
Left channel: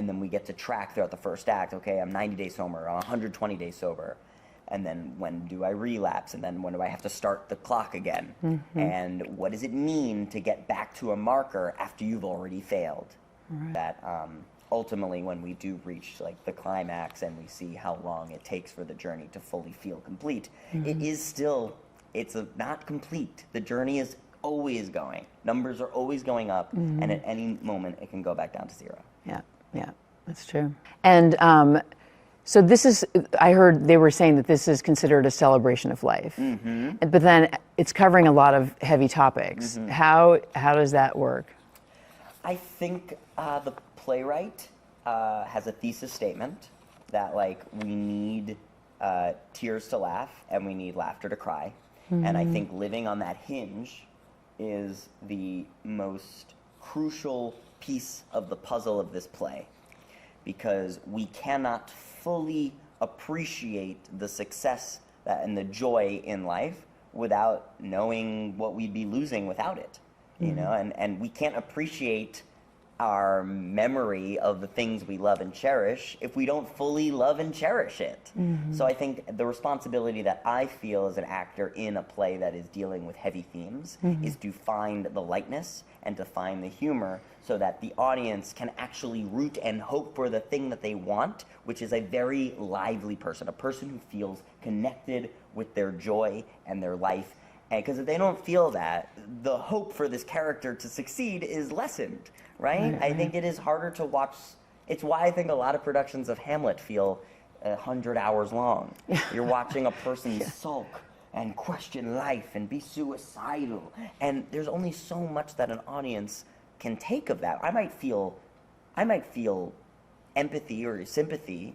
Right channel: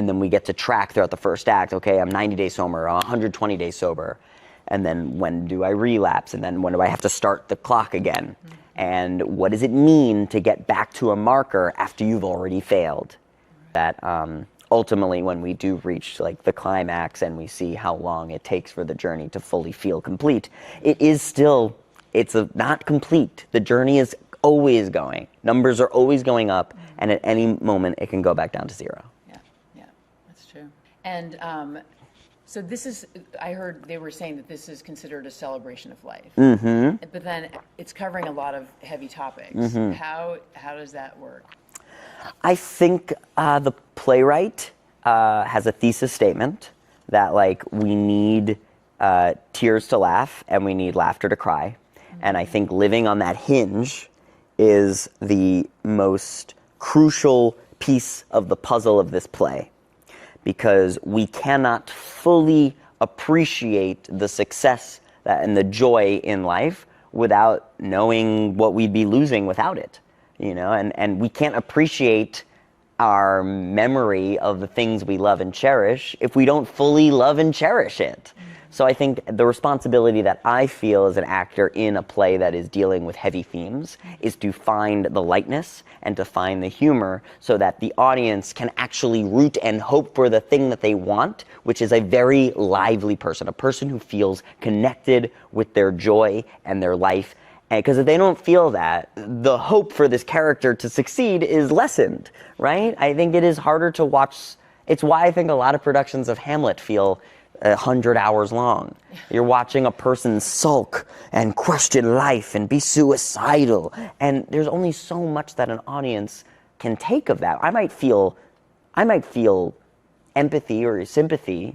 then we get to track throughout the first act, okay, I'm 90 days sober, I'm 120 days sober. And then when do I relapse? And then when do I have to start the clock again? And what does it mean to get back to a marker after you've already failed? That ultimately when we do reach like the climax and we see how long it takes for the journey to fully feel complete, it is still, not complete. The journey is always going. Numbers are always going up, and at any moment it can go back down to zero. Yeah, that's true. And so this is, I heard they were saying that this is considered a celebration of life. But then it's covering a lot of heavy topics. How does that work? I think the playwright has a thesis statement that like we need tears to laugh and we need laughter to cry. And I think living on that hinge is the most crucial piece of the puzzle of this play, because we cannot fully appreciate the success and the joy in life without knowing what we'd be losing without it, you know, and we can't appreciate our memory of the things we love and cherish if we don't fully love and cherish it. So I think the responsibility that I feel as an actor in a play that is dealing with heavy themes is to find the lightness and to find the humor so that the audience can actually root and hope for the thing that they want, which is a very lively person, a person who feels connected with their joy and their life. Because if they don't feel that, the hope for this character to succeed is lessened, right? I think it is harder to watch. It's why I think a lot of productions of Hamlet feel 100 hours long. You're watching a person sulk and question life and be suicidal. And there's only so much that an audience can take of that. I might feel empathy or sympathy,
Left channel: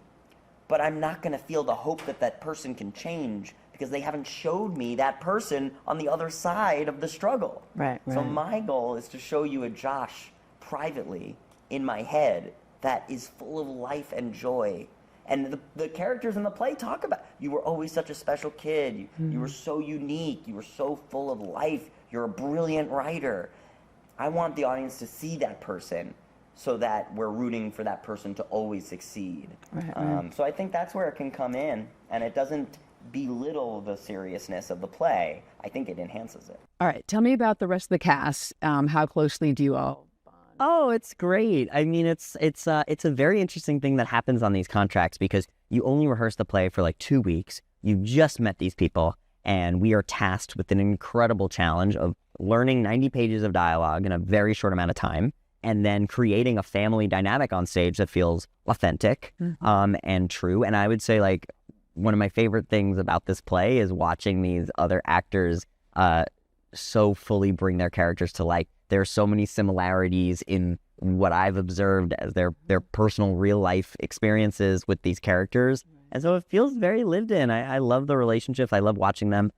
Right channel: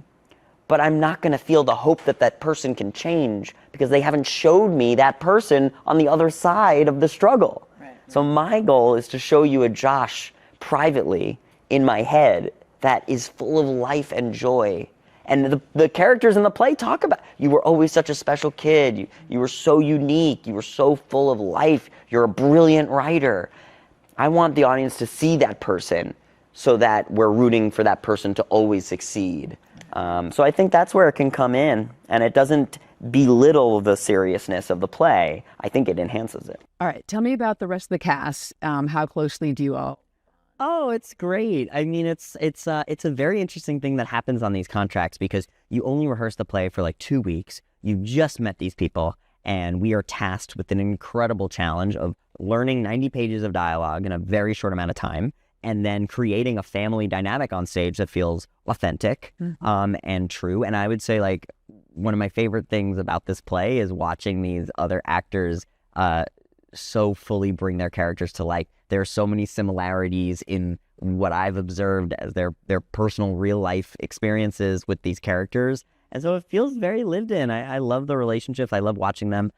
but I'm not going to feel the hope that that person can change because they haven't showed me that person on the other side of the struggle. So my goal is to show you a Josh privately in my head that is full of life and joy. And the characters in the play talk about, you were always such a special kid. You were so unique. You were so full of life. You're a brilliant writer. I want the audience to see that person so that we're rooting for that person to always succeed. So I think that's where it can come in, and it doesn't belittle the seriousness of the play. I think it enhances it. All right, tell me about the rest of the cast. How closely do you all? Oh, it's great. I mean, it's a very interesting thing that happens on these contracts because you only rehearse the play for like 2 weeks. you've just met these people, and we are tasked with an incredible challenge of learning 90 pages of dialogue in a very short amount of time, and then creating a family dynamic on stage that feels authentic and true. And I would say, like, one of my favorite things about this play is watching these other actors so fully bring their characters to life. There are so many similarities in what I've observed as their personal real life experiences with these characters. And so it feels very lived in. I love the relationships. I love watching them.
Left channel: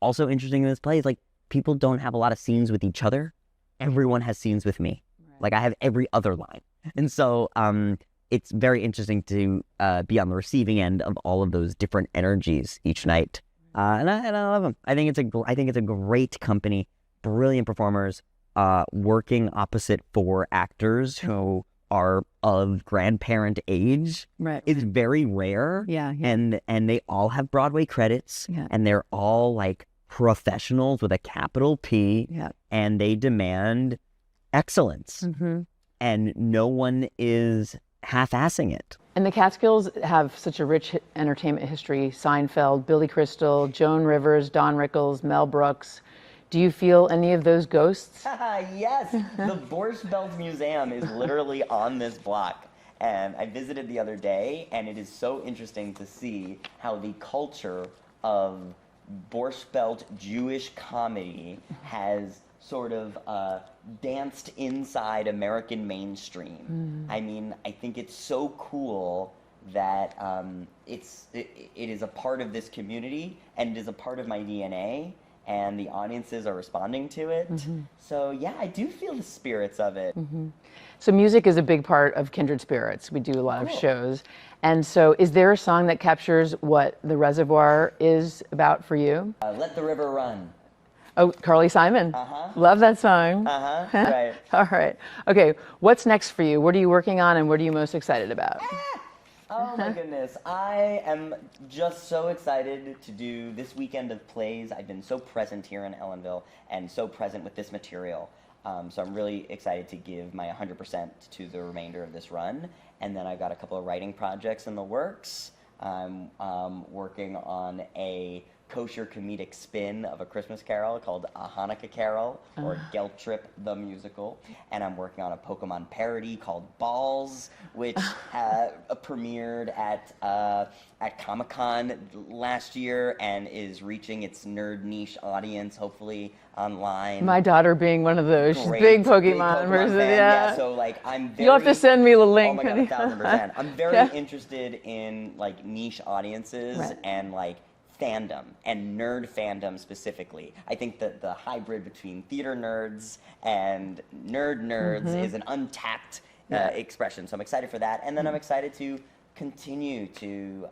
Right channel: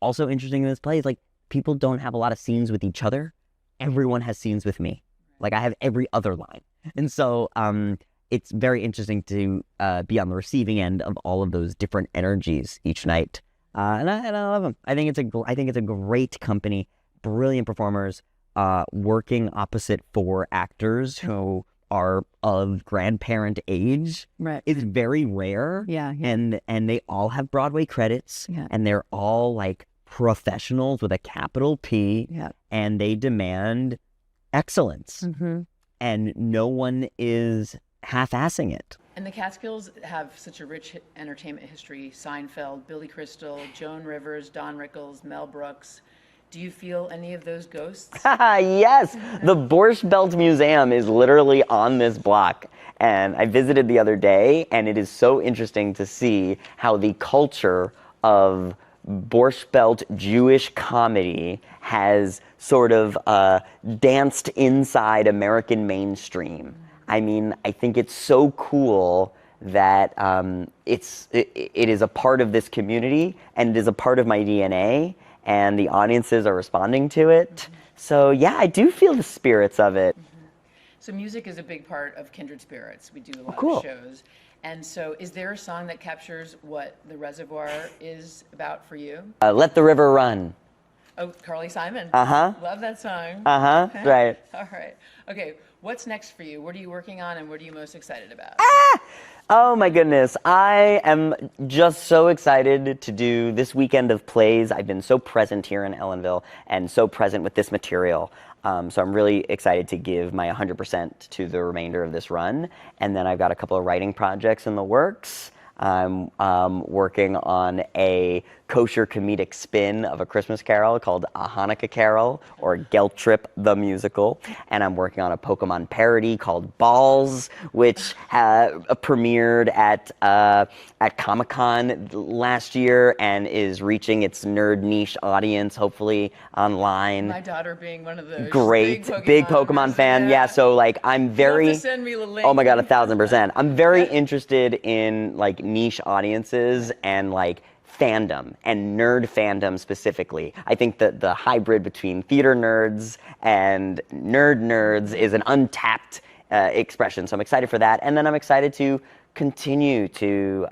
Also interesting in this play is, like, people don't have a lot of scenes with each other. Everyone has scenes with me. Like, I have every other line. And so it's very interesting to be on the receiving end of all of those different energies each night. And I love them. I think it's a great company, brilliant performers, working opposite 4 actors who are of grandparent age. Right. It's very rare. Yeah. And they all have Broadway credits. Yeah. And they're all, like, professionals with a capital P. Yeah. And they demand excellence. And no one is half-assing it. And the Catskills have such a rich entertainment history. Seinfeld, Billy Crystal, Joan Rivers, Don Rickles, Mel Brooks. Do you feel any of those ghosts? Yes, the Borscht Belt Museum is literally on this block. And I visited the other day, and it is so interesting to see how the culture of Borscht Belt Jewish comedy has sort of danced inside American mainstream. I mean, I think it's so cool that it is a part of this community, and it is a part of my DNA, and the audiences are responding to it. So yeah, I do feel the spirits of it. So music is a big part of Kindred Spirits. We do a lot Cool. of shows. And so is there a song that captures what the Reservoir is about for you? Let the River Run. Oh, Carly Simon. Uh-huh. Love that song. Right. All right. Okay, what's next for you? What are you working on, and what are you most excited about? Oh my goodness. I am just so excited to do this weekend of plays. I've been so present here in Ellenville and so present with this material. So I'm really excited to give my 100% to the remainder of this run. And then I've got a couple of writing projects in the works. I'm working on a kosher comedic spin of A Christmas Carol called A Hanukkah Carol, or Gelt Trip the Musical. And I'm working on a Pokemon parody called Balls, which premiered at Comic-Con last year and is reaching its nerd niche audience, hopefully online. My daughter being one of those. Great, She's big Pokemon fan. Yeah, so like I'm very. You'll have to send me the link. Oh my god, 1,000%. I'm very interested in like niche audiences and like fandom and nerd fandom specifically. I think that the hybrid between theater nerds and nerds is an untapped expression. So I'm excited for that, and then I'm excited to continue to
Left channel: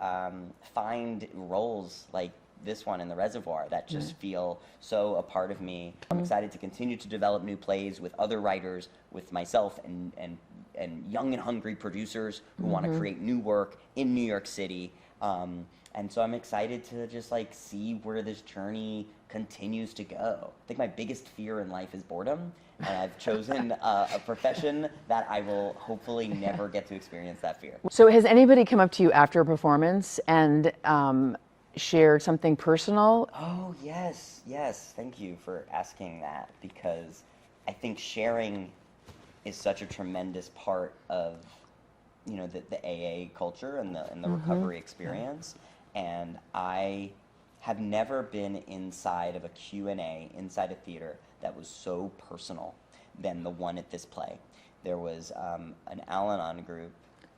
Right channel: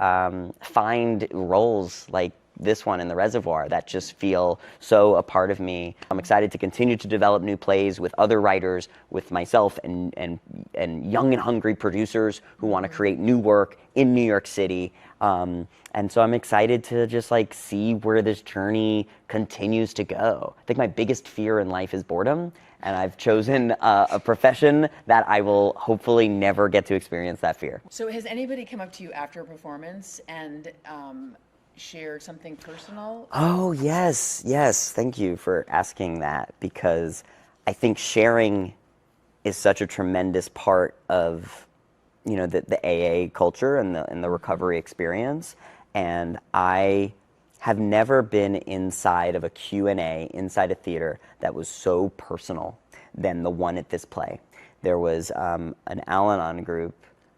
find roles like this one in the Reservoir that just feel so a part of me. I'm excited to continue to develop new plays with other writers, with myself and young and hungry producers who want to create new work in New York City. And so I'm excited to just like see where this journey continues to go. I think my biggest fear in life is boredom, and I've chosen a profession that I will hopefully never get to experience that fear. So has anybody come up to you after a performance and shared something personal? Oh, yes, yes. Thank you for asking that, because I think sharing is such a tremendous part of, you know, the AA culture and the recovery experience. And I have never been inside of a Q&A, inside a theater, that was so personal than the one at this play. There was an Al-Anon group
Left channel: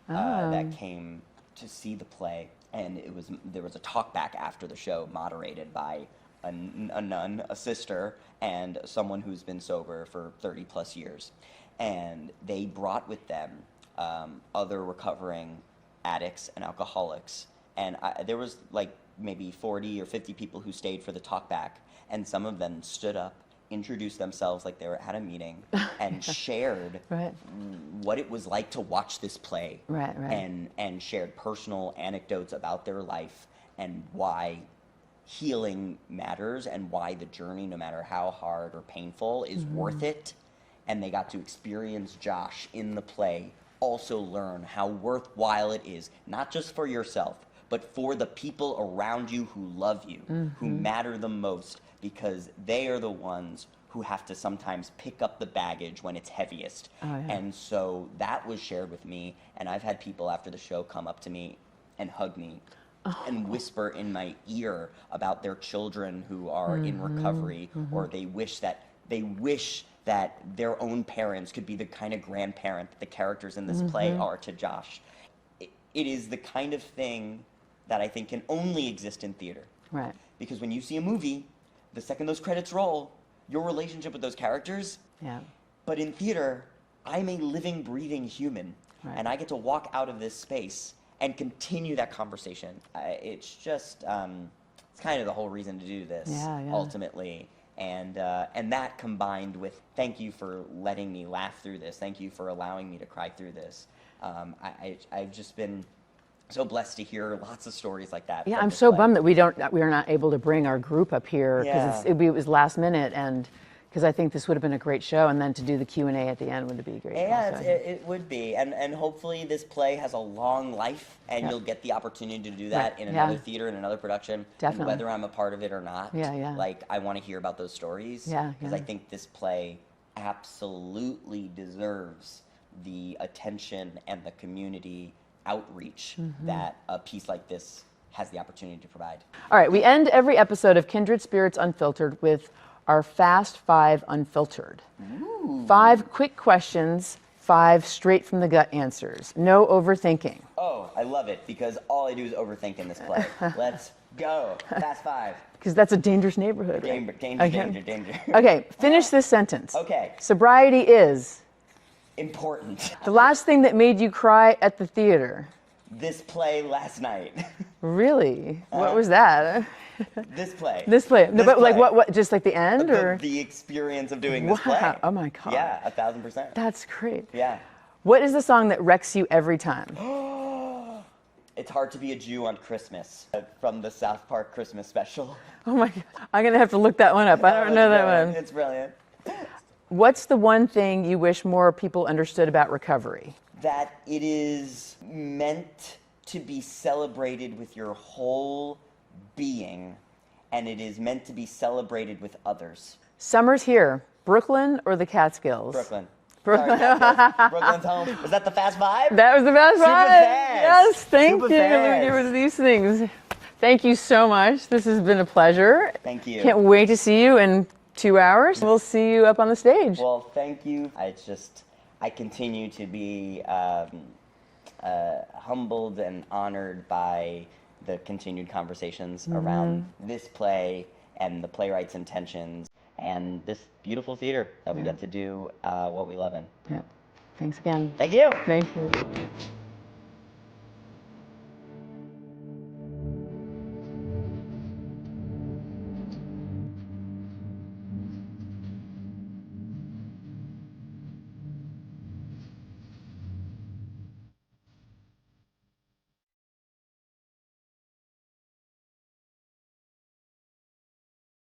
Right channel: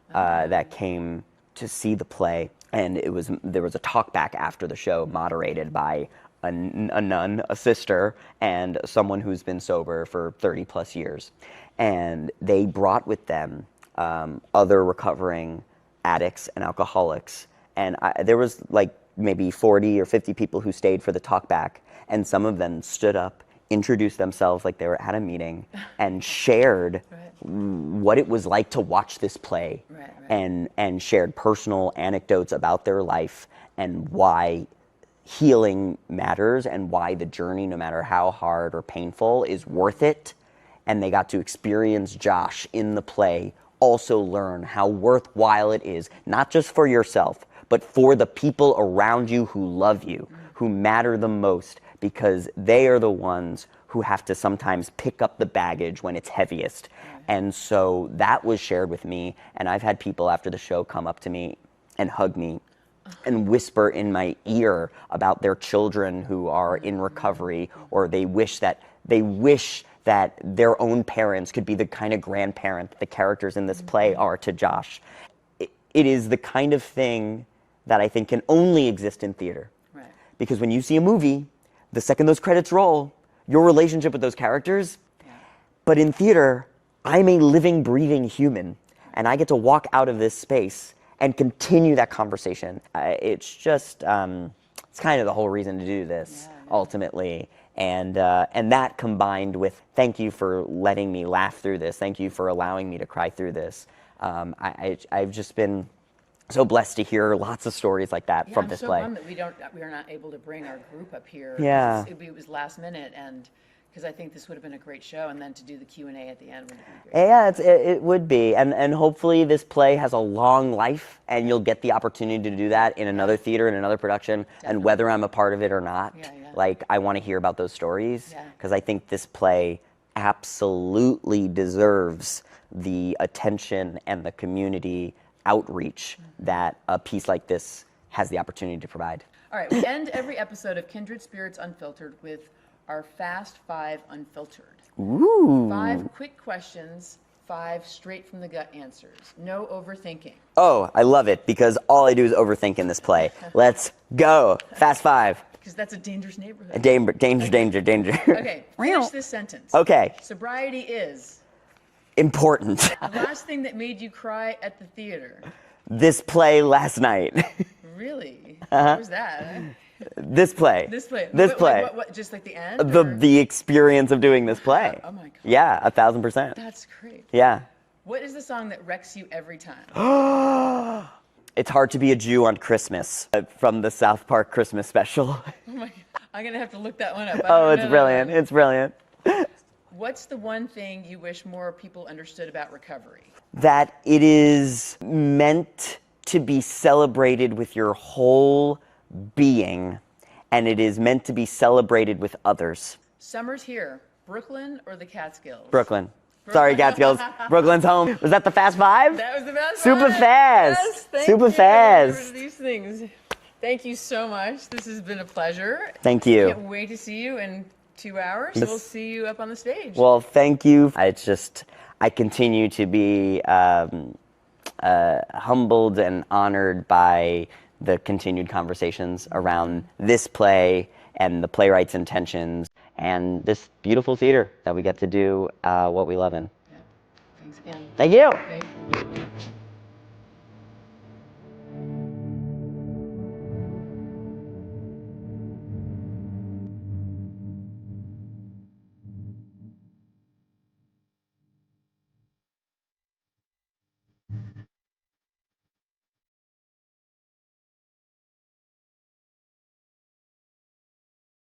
that came to see the play, and there was a talk back after the show moderated by a nun, a sister, and someone who's been sober for 30 plus years. And they brought with them other recovering addicts and alcoholics. And there was like maybe 40 or 50 people who stayed for the talk back, and some of them stood up, introduced themselves like they were at a meeting, and shared what it was like to watch this play, and shared personal anecdotes about their life and why healing matters and why the journey, no matter how hard or painful, is worth it. And they got to experience Josh in the play also learn how worthwhile it is, not just for yourself, but for the people around you who love you, who matter the most, because they are the ones who have to sometimes pick up the baggage when it's heaviest. And so that was shared with me, and I've had people after the show come up to me and hug me and whisper in my ear about their children who are in recovery, or they wish that their own parents could be the kind of grandparent that the characters in this play are to Josh. It is the kind of thing that I think can only exist in theater. Right. Because when you see a movie, the second those credits roll, your relationship with those characters, but in theater, I'm a living, breathing human, and I get to walk out of this space and continue that conversation. It's just, it's kind of the whole reason to do this, ultimately. And that combined with, thank you for letting me laugh through this, thank you for allowing me to cry through this. I've just been so blessed to hear lots of stories like that from this I'm so play. bummed that we are not able to bring our group up here, because it was last minute, and because I think this would have been a great show, and then to do the Q&A at the end would be great. Yeah, it would be, and hopefully this play has a long life, and you'll get the opportunity to do that in another theater, in another production, and whether I'm a part of it or not, like, I want to hear about those stories, because I think this play absolutely deserves the attention and the community outreach that a piece like this has the opportunity to provide. All right, we end every episode of Kindred Spirits Unfiltered with our Fast 5 Unfiltered. Ooh. 5 quick questions, 5 straight from the gut answers. No overthinking. Oh, I love it, because all I do is overthink in this play. Let's go. Fast 5. Because that's a dangerous neighborhood. Danger. Okay, finish this sentence. Okay. Sobriety is? Important. The last thing that made you cry at the theater? This play last night. Really? What was that? This play. This play. Like what? Just like the end? The experience of doing this play. Oh my God. Yeah, 1,000%. That's great. Yeah. What is the song that wrecks you every time? It's Hard to Be a Jew on Christmas, from the South Park Christmas special. Oh my God. I'm going to have to look that one up. I don't know that one. It's brilliant. What's the one thing you wish more people understood about recovery? That it is meant to be celebrated with your whole being, and it is meant to be celebrated with others. Summer's here. Brooklyn or the Catskills? Brooklyn. Sorry, Catskills. Brooklyn's home. Was that the Fast 5? That was the Fast 5. Super fast. Yes, thank you. Super fast. It was these things. Thank you so much. This has been a pleasure. Thank you. Can't wait to see you in 2 hours. We'll see you up on the stage. Well, thank you. I continue to be humbled and honored by the continued conversations around this play and the playwright's intentions and this beautiful theater that we get to do what we love in. Yeah. Thanks again. Thank you. Thank you.